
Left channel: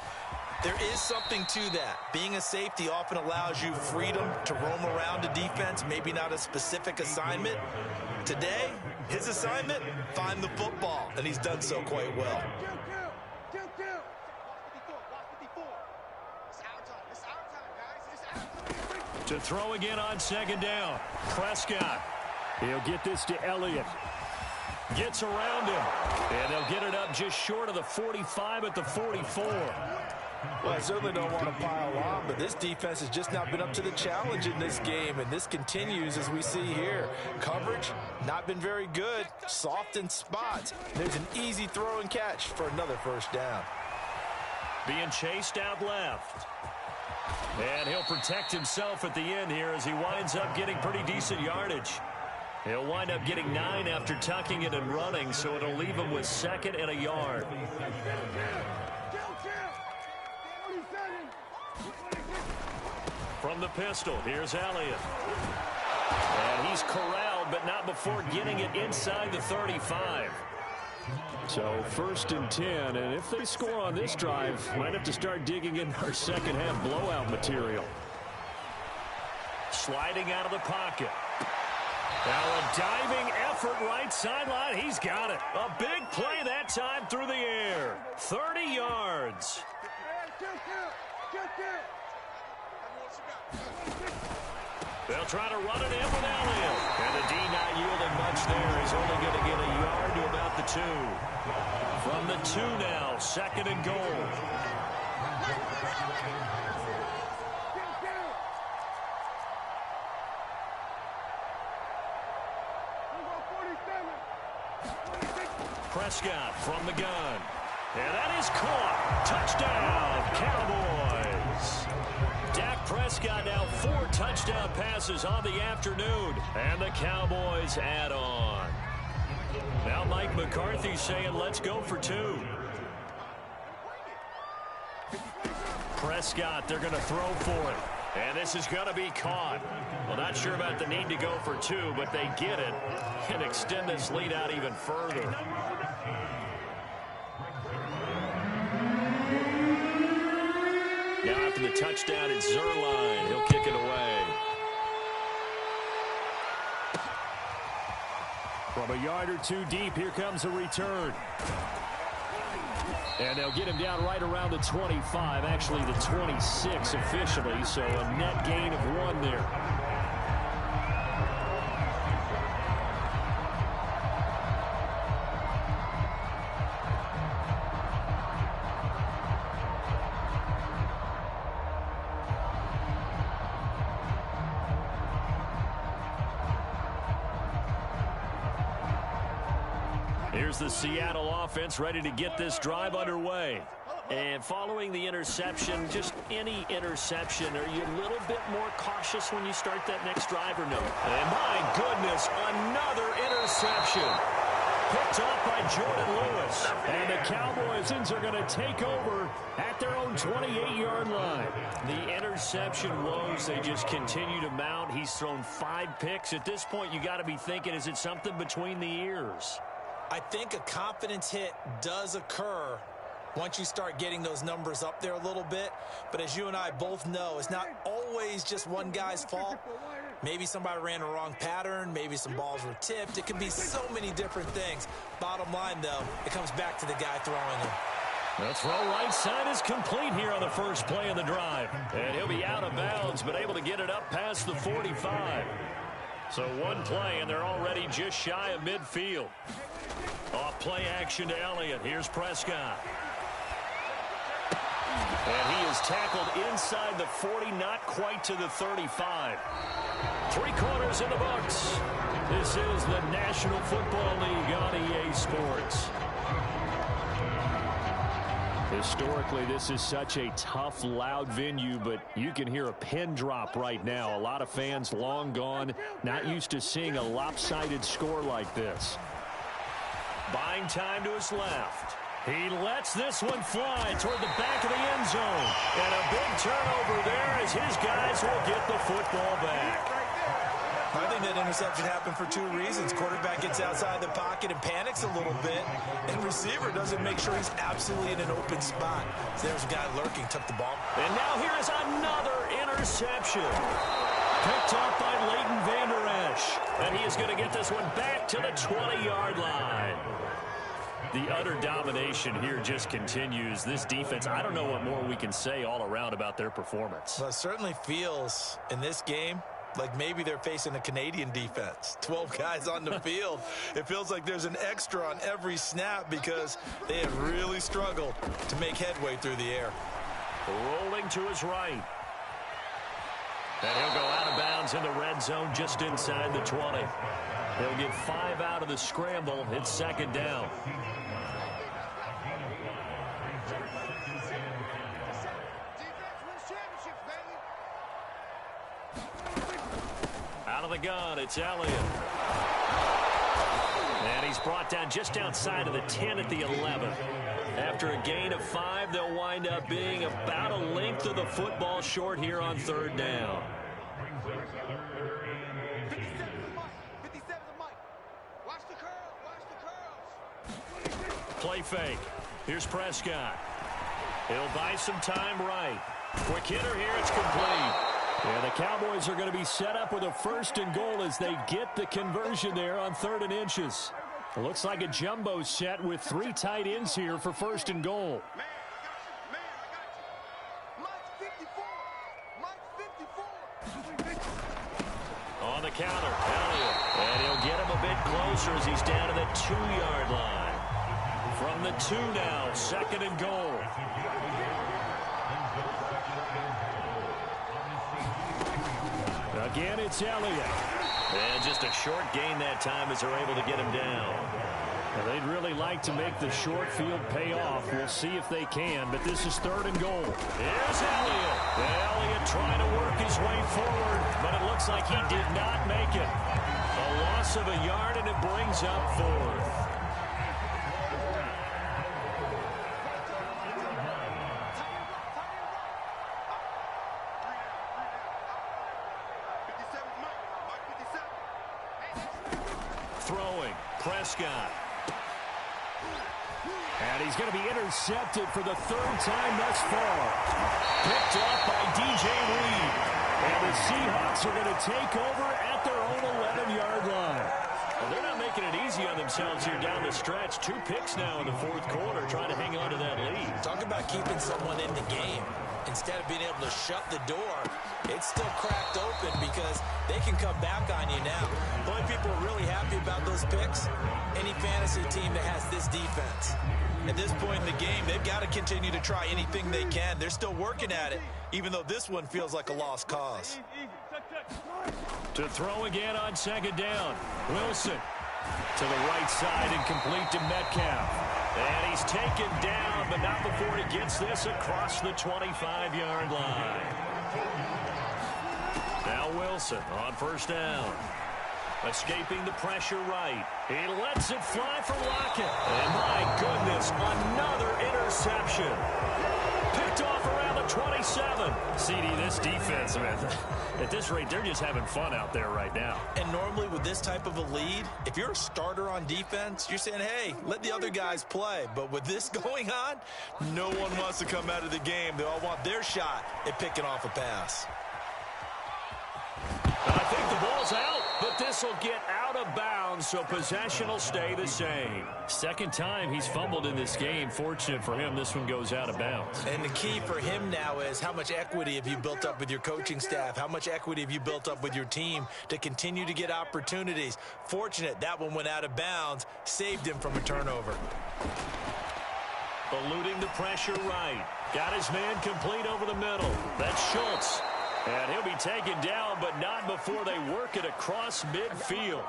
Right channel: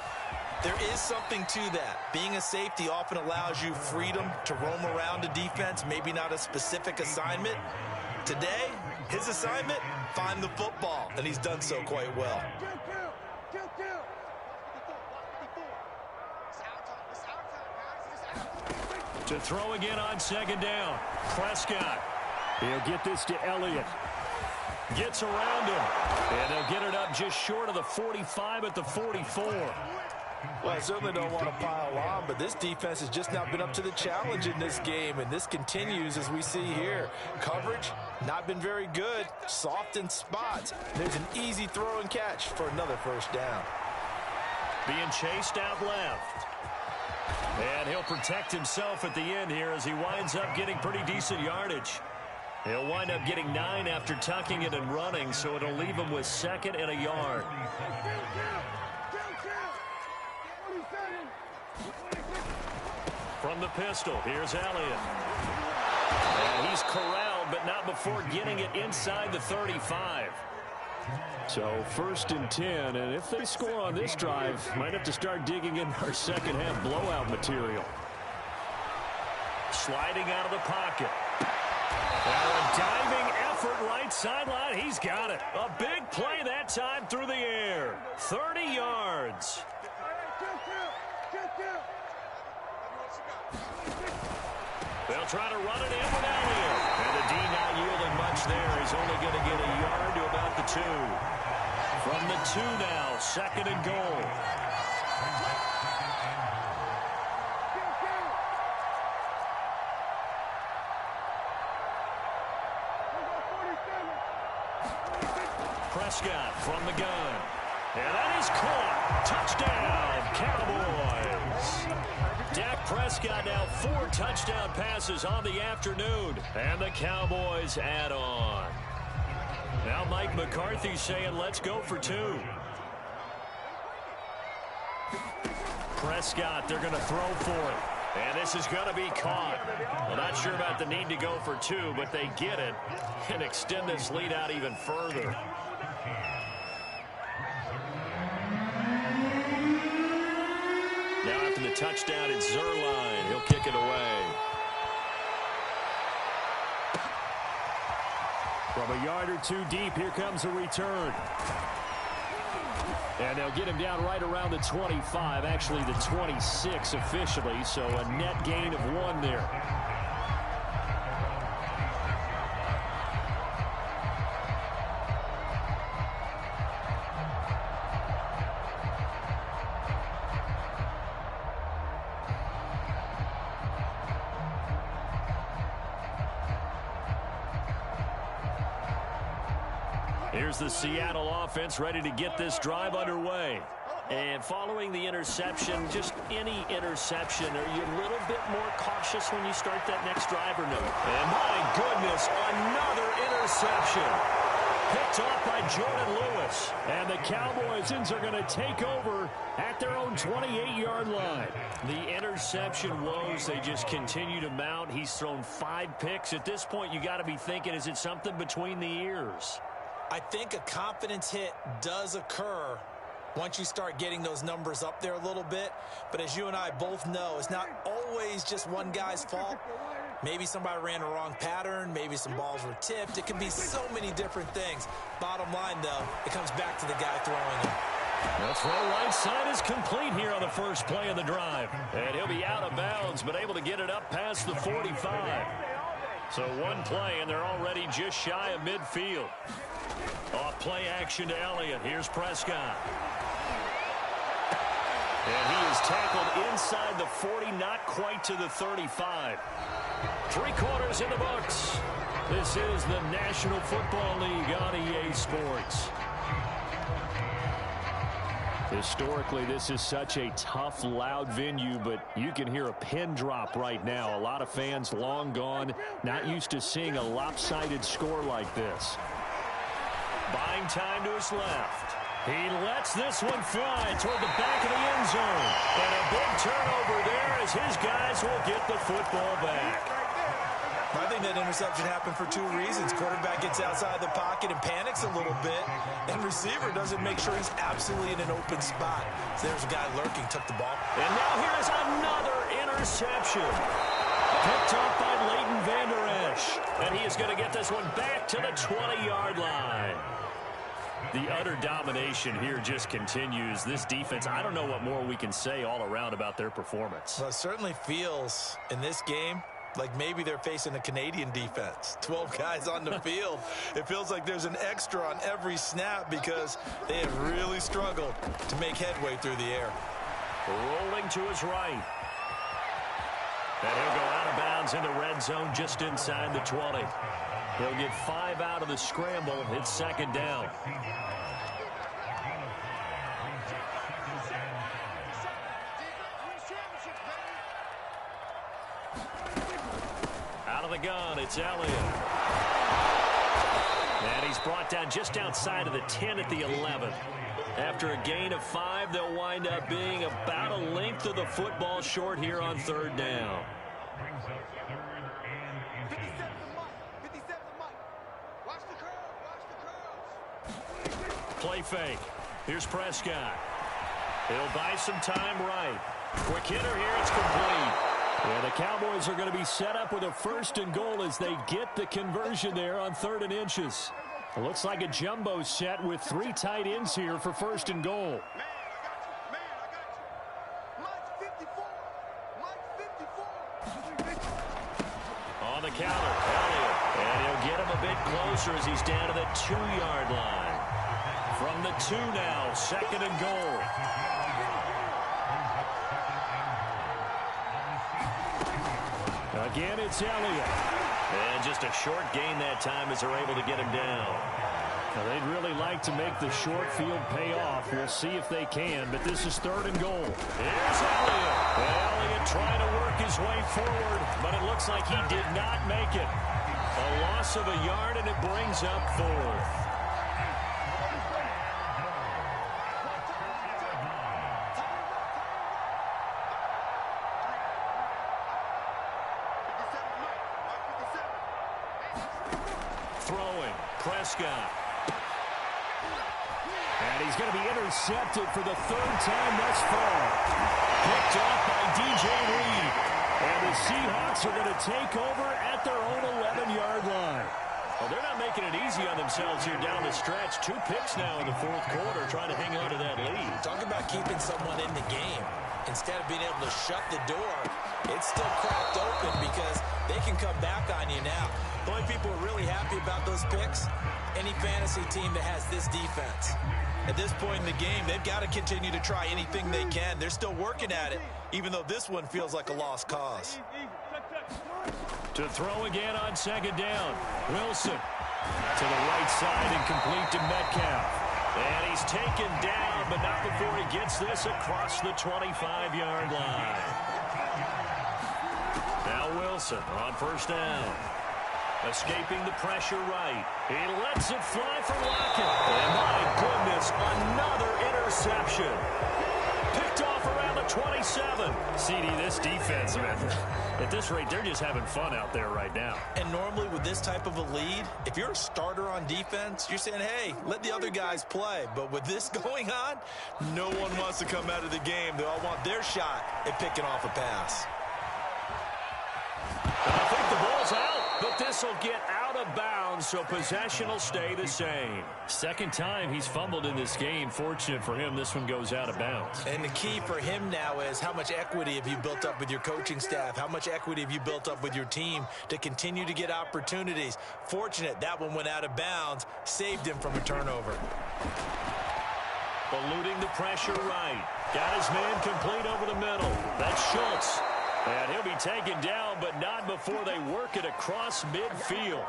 there is something to that. Being a safety often allows you freedom to roam around a defense, maybe not a specific assignment. Today, his assignment, find the football, and he's done so quite well. To throw again on 2nd down. Prescott. He'll get this to Elliott. Gets around him. And they'll get it up just short of the 45 at the 44. Well, I certainly don't want to pile on, but this defense has just not been up to the challenge in this game, and this continues as we see here. Coverage, not been very good, soft in spots. There's an easy throw and catch for another 1st down. Being chased out left. And he'll protect himself at the end here as he winds up getting pretty decent yardage. He'll wind up getting 9 after tucking it and running, so it'll leave him with 2nd and a yard. From the pistol, here's Elliott. And he's corralled, but not before getting it inside the 35. So 1st and 10, and if they score on this drive, might have to start digging in our second half blowout material. Sliding out of the pocket. Now a diving effort right sideline. He's got it. A big play that time through the air. 30 yards. They'll try to run it in with Elliott. And the D not yielding much there. He's only going to get a yard to about the 2. From the 2 now, 2nd and goal. Prescott from the gun. And that is caught. Touchdown, Cowboys. Dak Prescott now 4 touchdown passes on the afternoon. And the Cowboys add on. Now Mike McCarthy saying let's go for 2. Prescott, they're going to throw for it. And this is going to be caught. Well, not sure about the need to go for 2, but they get it and extend this lead out even further. Now after the touchdown, it's Zerline. He'll kick it away. From a yard or 2 deep, here comes a return. And they'll get him down right around the 25, actually the 26 officially, so a net gain of 1 there. Here's the Seattle offense ready to get this drive underway. And following the interception, just any interception, are you a little bit more cautious when you start that next drive or no? And my goodness, another interception. Picked off by Jordan Lewis. And the Cowboys are going to take over at their own 28-yard line. The interception woes, they just continue to mount. He's thrown 5 picks. At this point, you got to be thinking, is it something between the ears? I think a confidence hit does occur once you start getting those numbers up there a little bit. But as you and I both know, it's not always just one guy's fault. Maybe somebody ran a wrong pattern. Maybe some balls were tipped. It can be so many different things. Bottom line, though, it comes back to the guy throwing them. The throw right side is complete here on the first play of the drive. And he'll be out of bounds, but able to get it up past the 45. So 1 play, and they're already just shy of midfield. Off play action to Elliott. Here's Prescott. And he is tackled inside the 40, not quite to the 35. 3 quarters in the books. This is the National Football League on EA Sports. Historically, this is such a tough, loud venue, but you can hear a pin drop right now. A lot of fans long gone, not used to seeing a lopsided score like this. Buying time to his left. He lets this one fly toward the back of the end zone. And a big turnover there as his guys will get the football back. I think that interception happened for two reasons. Quarterback gets outside the pocket and panics a little bit, and receiver doesn't make sure he's absolutely in an open spot. So there's a guy lurking, took the ball. And now here is another interception. Picked off by Leighton Vander Esch. And he is going to get this one back to the 20-yard line. The utter domination here just continues. This defense, I don't know what more we can say all around about their performance. Well, it certainly feels in this game like maybe they're facing a Canadian defense. 12 guys on the field. It feels like there's an extra on every snap because they have really struggled to make headway through the air. Rolling to his right. And he'll go out of bounds in the red zone just inside the 20. He'll get 5 out of the scramble. It's second down. Out of the gun, it's Elliott. And he's brought down just outside of the 10 at the 11. After a gain of 5, they'll wind up being about a length of the football short here on third down. Play fake. Here's Prescott. He'll buy some time right. Quick hitter here. It's complete. Yeah, the Cowboys are going to be set up with a first and goal as they get the conversion there on 3rd and inches. It looks like a jumbo set with 3 tight ends here for first and goal. Man, I got you. Mike's 54. Mike's 54. On the counter, Elliott. And he'll get him a bit closer as he's down to the 2-yard line. From the 2 now, 2nd and goal. Again, it's Elliott. And just a short gain that time as they're able to get him down. Now, they'd really like to make the short field pay off. We'll see if they can, but this is 3rd and goal. Here's Elliott. And Elliott trying to work his way forward, but it looks like he did not make it. A loss of a yard, and it brings up 4th. Throwing, Prescott. And he's going to be intercepted for the 3rd time thus far. Picked off by DJ Reed. And the Seahawks are going to take over at their own 11-yard line. Well, they're not making it easy on themselves here down the stretch. 2 picks now in the 4th quarter, trying to hang on to that lead. Talk about keeping someone in the game. Instead of being able to shut the door, it's still cracked open because they can come back on you now. The only people who are really happy about those picks, any fantasy team that has this defense. At this point in the game, they've got to continue to try anything they can. They're still working at it, even though this one feels like a lost cause. To throw again on 2nd down. Wilson to the right side and complete to Metcalf. And he's taken down, but not before he gets this across the 25-yard line. Now Wilson on 1st down. Escaping the pressure right. He lets it fly for Lockett. And my goodness, another interception. Picked off around the 27. CD, this defense, man, at this rate, they're just having fun out there right now. And normally with this type of a lead, if you're a starter on defense, you're saying, hey, let the other guys play. But with this going on, no one wants to come out of the game. They all want their shot at picking off a pass. I think the ball's out, but this will get out of bounds, so possession will stay the same. 2nd time he's fumbled in this game. Fortunate for him, this one goes out of bounds. And the key for him now is how much equity have you built up with your coaching staff? How much equity have you built up with your team to continue to get opportunities? Fortunate that one went out of bounds, saved him from a turnover. Eluding the pressure right. Got his man complete over the middle. That's Schultz. And he'll be taken down, but not before they work it across midfield.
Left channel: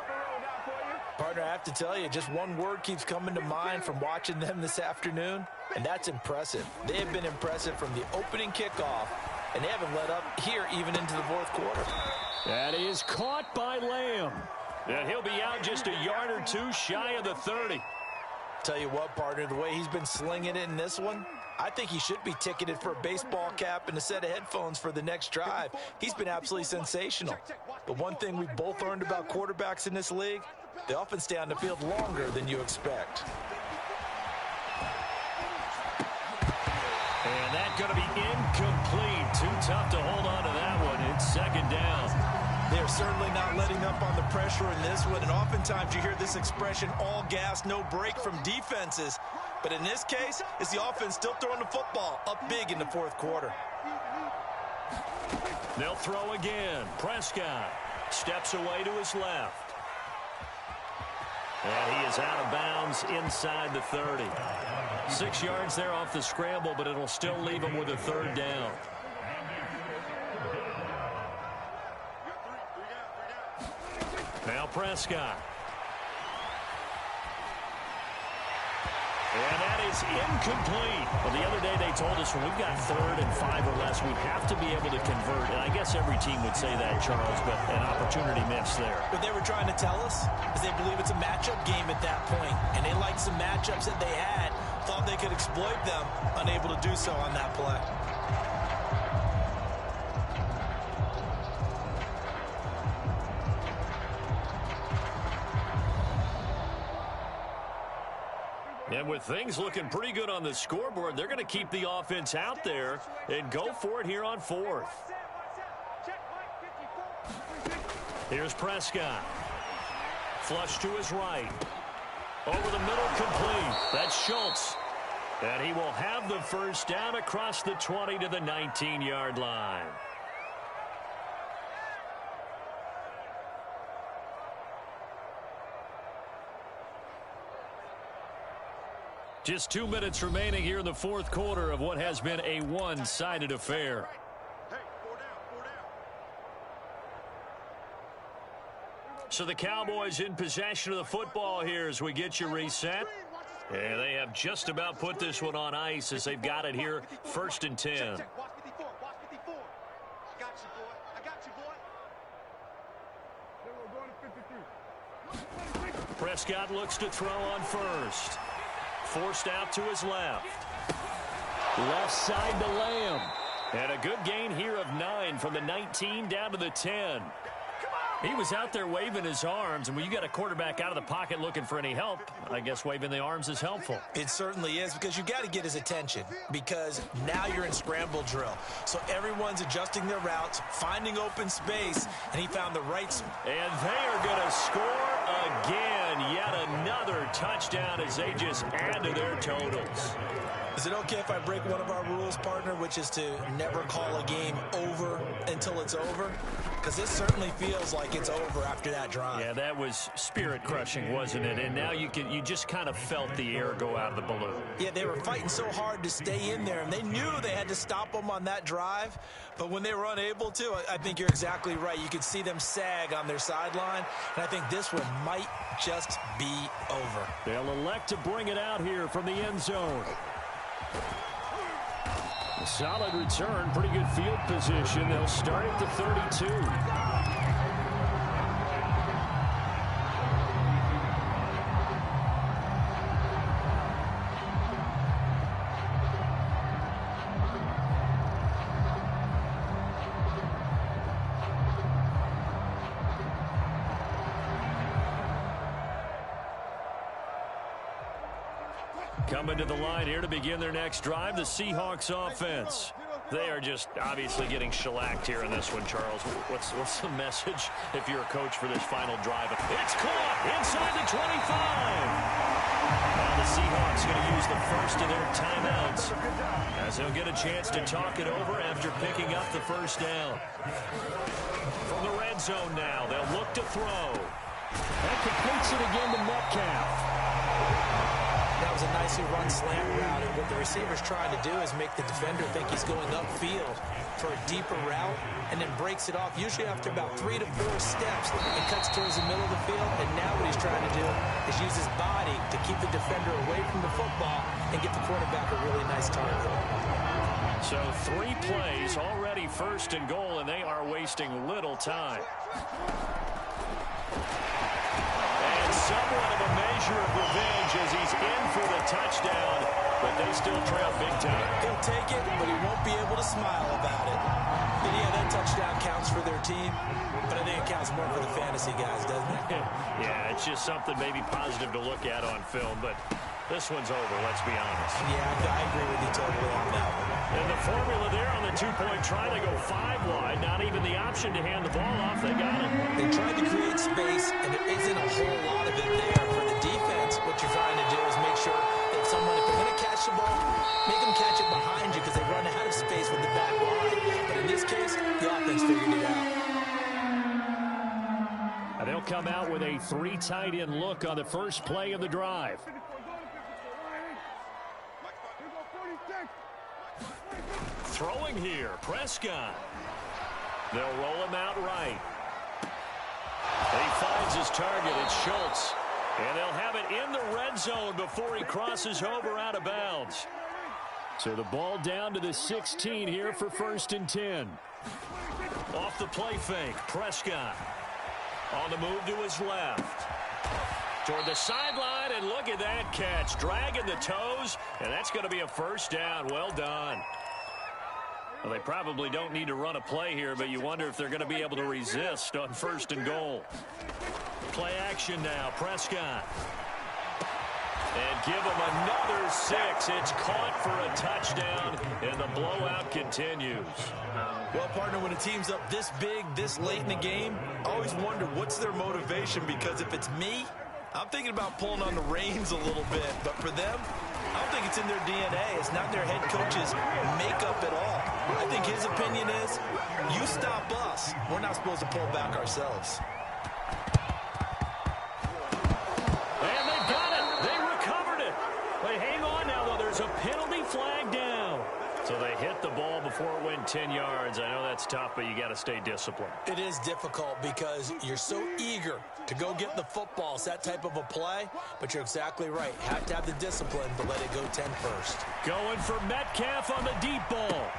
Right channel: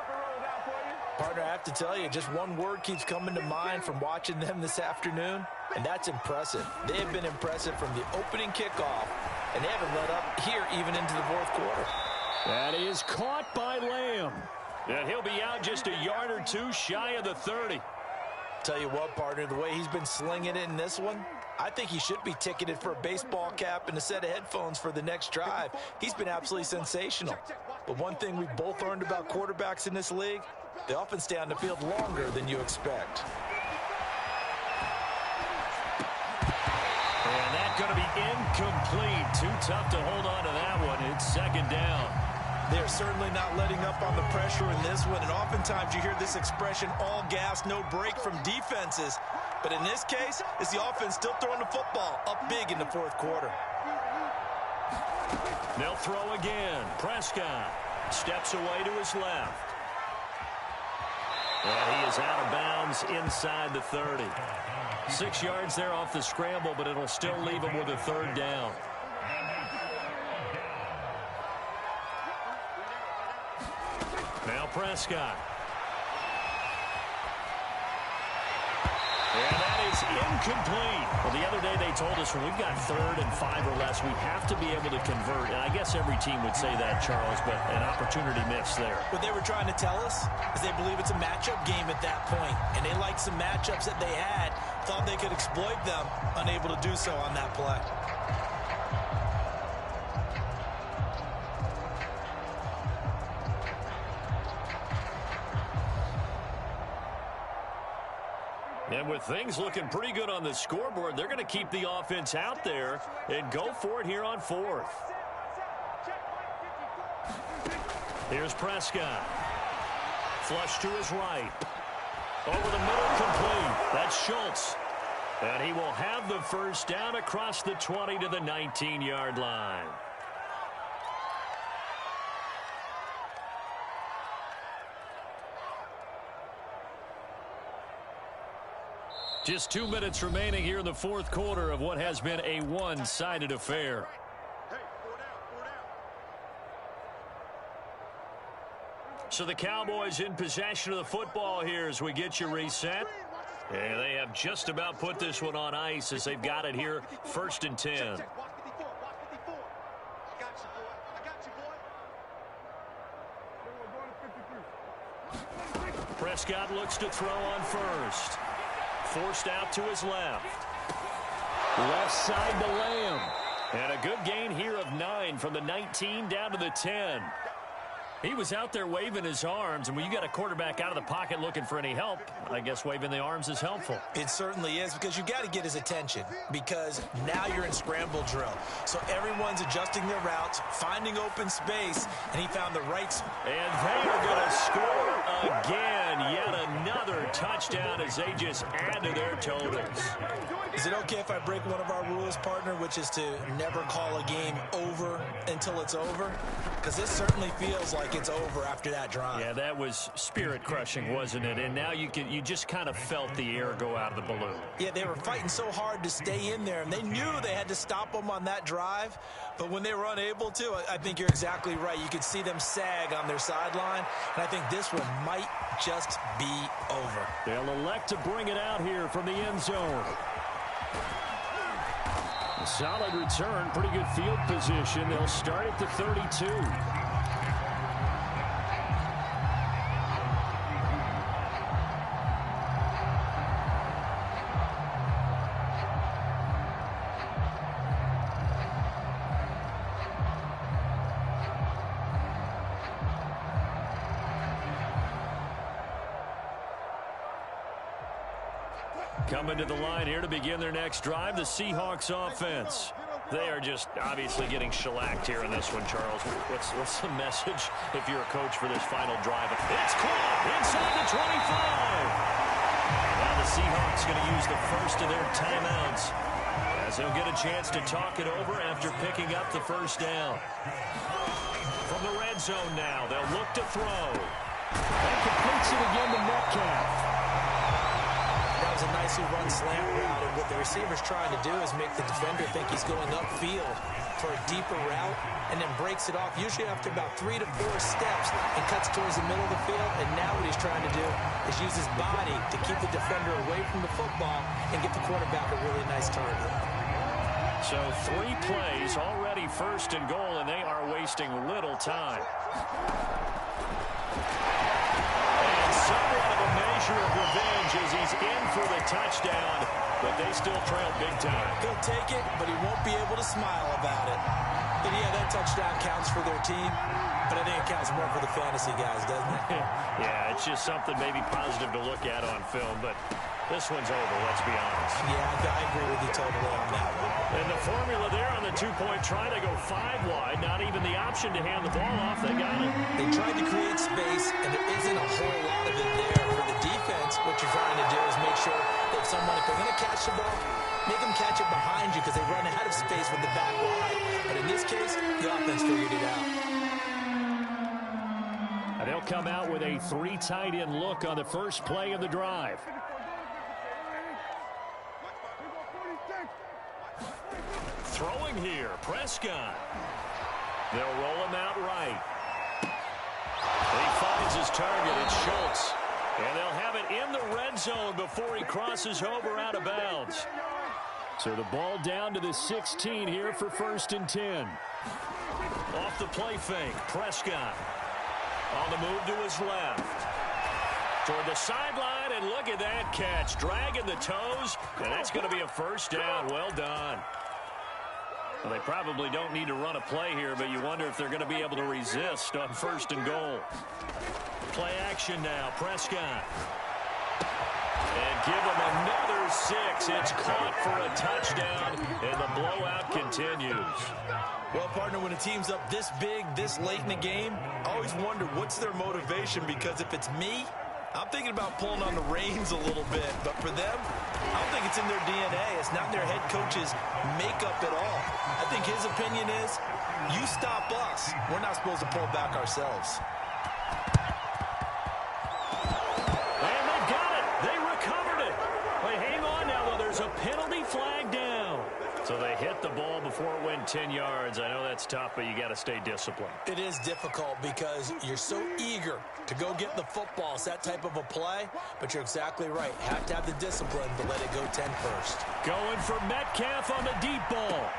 Partner, I have to tell you, just one word keeps coming to mind from watching them this afternoon, and that's impressive. They have been impressive from the opening kickoff, and they haven't let up here even into the fourth quarter. That is caught by Lamb. And he'll be out just a yard or two shy of the 30. Tell you what, partner, the way he's been slinging it in this one, I think he should be ticketed for a baseball cap and a set of headphones for the next drive. He's been absolutely sensational. But one thing we both learned about quarterbacks in this league, they often stay on the field longer than you expect. And that's going to be incomplete. Too tough to hold on to that one. It's second down. They're certainly not letting up on the pressure in this one, and oftentimes you hear this expression, all gas, no break from defenses. But in this case, it's the offense still throwing the football up big in the fourth quarter. They'll throw again. Prescott steps away to his left. And he is out of bounds inside the 30. 6 yards there off the scramble, but it'll still leave him with a third down. Now Prescott. And that is incomplete. Well, the other day they told us when we've got 3rd and 5 or less, we have to be able to convert. And I guess every team would say that, Charles, but an opportunity missed there. What they were trying to tell us is they believe it's a matchup game at that point. And they liked some matchups that they had, thought they could exploit them, unable to do so on that play. And with things looking pretty good on the scoreboard, they're going to keep the offense out there and go for it here on 4th. Here's Prescott. Flush to his right. Over the middle, complete. That's Schultz. And he will have the first down across the 20 to the 19-yard line. Just 2 minutes remaining here in the fourth quarter of what has been a one-sided affair. So the Cowboys in possession of the football here as we get you reset. And they have just about put this one on ice as they've got it here, 1st and 10. Prescott looks to throw on first. Forced out to his left. Left side to Lamb. And a good gain here of 9 from the 19 down to the 10. He was out there waving his arms, and when you got a quarterback out of the pocket looking for any help, I guess waving the arms is helpful. It certainly is, because you got to get his attention, because now you're in scramble drill. So everyone's adjusting their routes, finding open space, and he found the right spot. And they are going to score again. Yet another touchdown as they just add to their totals. Is it okay if I break one of our rules, partner, which is to never call a game over until it's over? Because this certainly feels like it's over after that drive. Yeah, that was spirit-crushing, wasn't it? And now you just kind of felt the air go out of the balloon. Yeah, they were fighting so hard to stay in there, and they knew they had to stop them on that drive. But when they were unable to, I think you're exactly right. You could see them sag on their sideline, and I think this one might just be over. They'll elect to bring it out here from the end zone. A solid return, pretty good field position. They'll start at the 32. Coming to the line here to begin their next drive, the Seahawks offense. They are just obviously getting shellacked here in this one, Charles. What's the message if you're a coach for this final drive? It's caught inside the 25. Now the Seahawks going to use the first of their timeouts as they'll get a chance to talk it over after picking up the first down. From the red zone now, they'll look to throw. That completes it again to Metcalf. That was a nicely run slant route, and what the receiver's trying to do is make the defender think he's going upfield. for a deeper route and then breaks it off, usually after about 3 to 4 steps, and cuts towards the middle of the field. And now what he's trying to do is use his body to keep the defender away from the football and get the quarterback a really nice target. So 3 plays, already first and goal, and they are wasting little time. And somewhat of a measure of revenge as he's in for the touchdown, but they still trail big time. He'll take it, but he won't be able to smile about it. And yeah, that touchdown counts for their team, but I think it counts more for the fantasy guys, doesn't it? Yeah, it's just something maybe positive to look at on film, but this one's over, let's be honest. Yeah, I agree with you totally on that one. And the formula there on the 2-point try to go 5 wide, not even the option to hand the ball off. They got it. They tried to create space, and there isn't a whole lot of it there. For the defense, what you're trying to do is make sure that if they're going to catch the ball, make them catch it behind you because they run out of space with the back line. But in this case, the offense figured it out. And they'll come out with a 3 tight end look on the first play of the drive. Throwing here, Prescott. They'll roll him out right. He finds his target, it's Schultz. And they'll have it in the red zone before he crosses over out of bounds. So the ball down to the 16 here for 1st and 10. Off the play fake, Prescott. On the move to his left. Toward the sideline, and look at that catch. Dragging the toes, and that's going to be a first down. Well done. Well, they probably don't need to run a play here, but you wonder if they're going to be able to resist on 1st and goal. Play action now, Prescott. And give him another 6. It's caught for a touchdown, and the blowout continues. Well, partner, when a team's up this big, this late in the game, I always wonder what's their motivation, because if it's me, I'm thinking about pulling on the reins a little bit. But for them, I don't think it's in their DNA. It's not their head coach's makeup at all. I think his opinion is, you stop us. We're not supposed to pull back ourselves. And they've got it. They recovered it. Wait, hang on now, though. There's a penalty flag down. So they hit the ball before it went 10 yards. I know that's tough, but you got to stay disciplined. It is difficult because you're so eager to go get the football. It's that type of a play, but you're exactly right. Have to have the discipline to let it go 10 first. Going for Metcalf on the deep ball.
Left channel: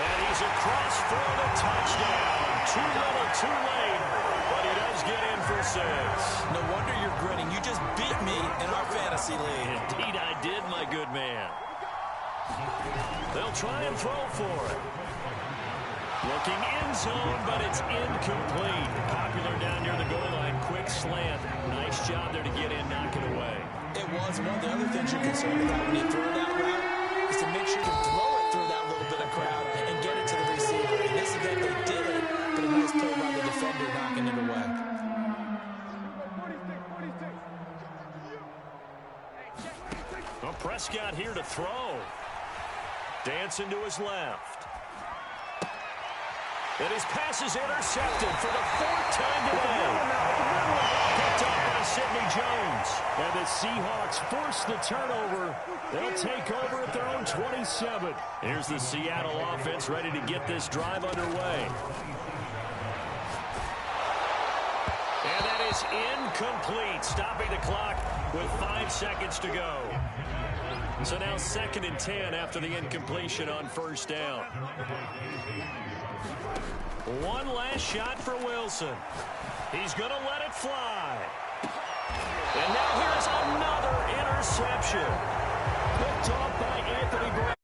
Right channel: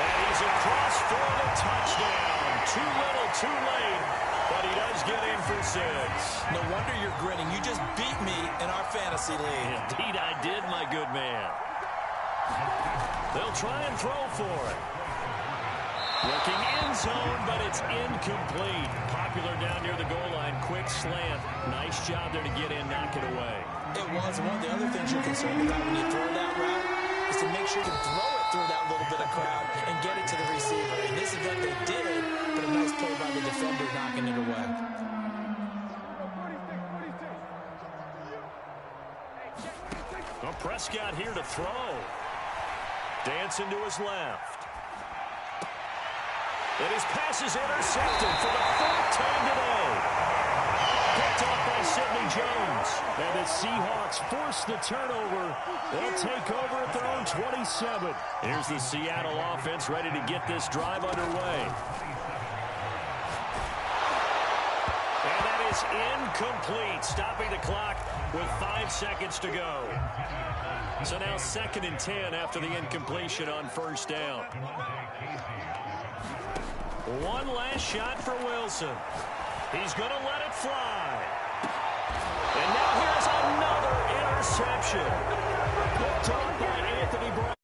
And he's across for the touchdown. Too little, too late, but he does get in for 6. No wonder you're grinning. You just beat me in our fantasy league. Indeed I did, my good man. They'll try and throw for it. Looking end zone, but it's incomplete. Popular down near the goal line. Quick slant. Nice job there to get in, knock it away. It was. One of the other things you're concerned about when you throw that route is to make sure you can throw it through that little bit of crowd and get it to the receiver. In this event, they did, but a nice play by the defender knocking it away. Well, Prescott here to throw. Dancing to his left. And his pass is intercepted for the 4th time today. Picked off by Sidney Jones. And the Seahawks force the turnover. They'll take over at their own 27. Here's the Seattle offense ready to get this drive underway. And that is incomplete, stopping the clock with 5 seconds to go. So now 2nd and 10 after the incompletion on 1st down. One last shot for Wilson. He's going to let it fly. And now here's another interception. Picked off by Anthony Brown.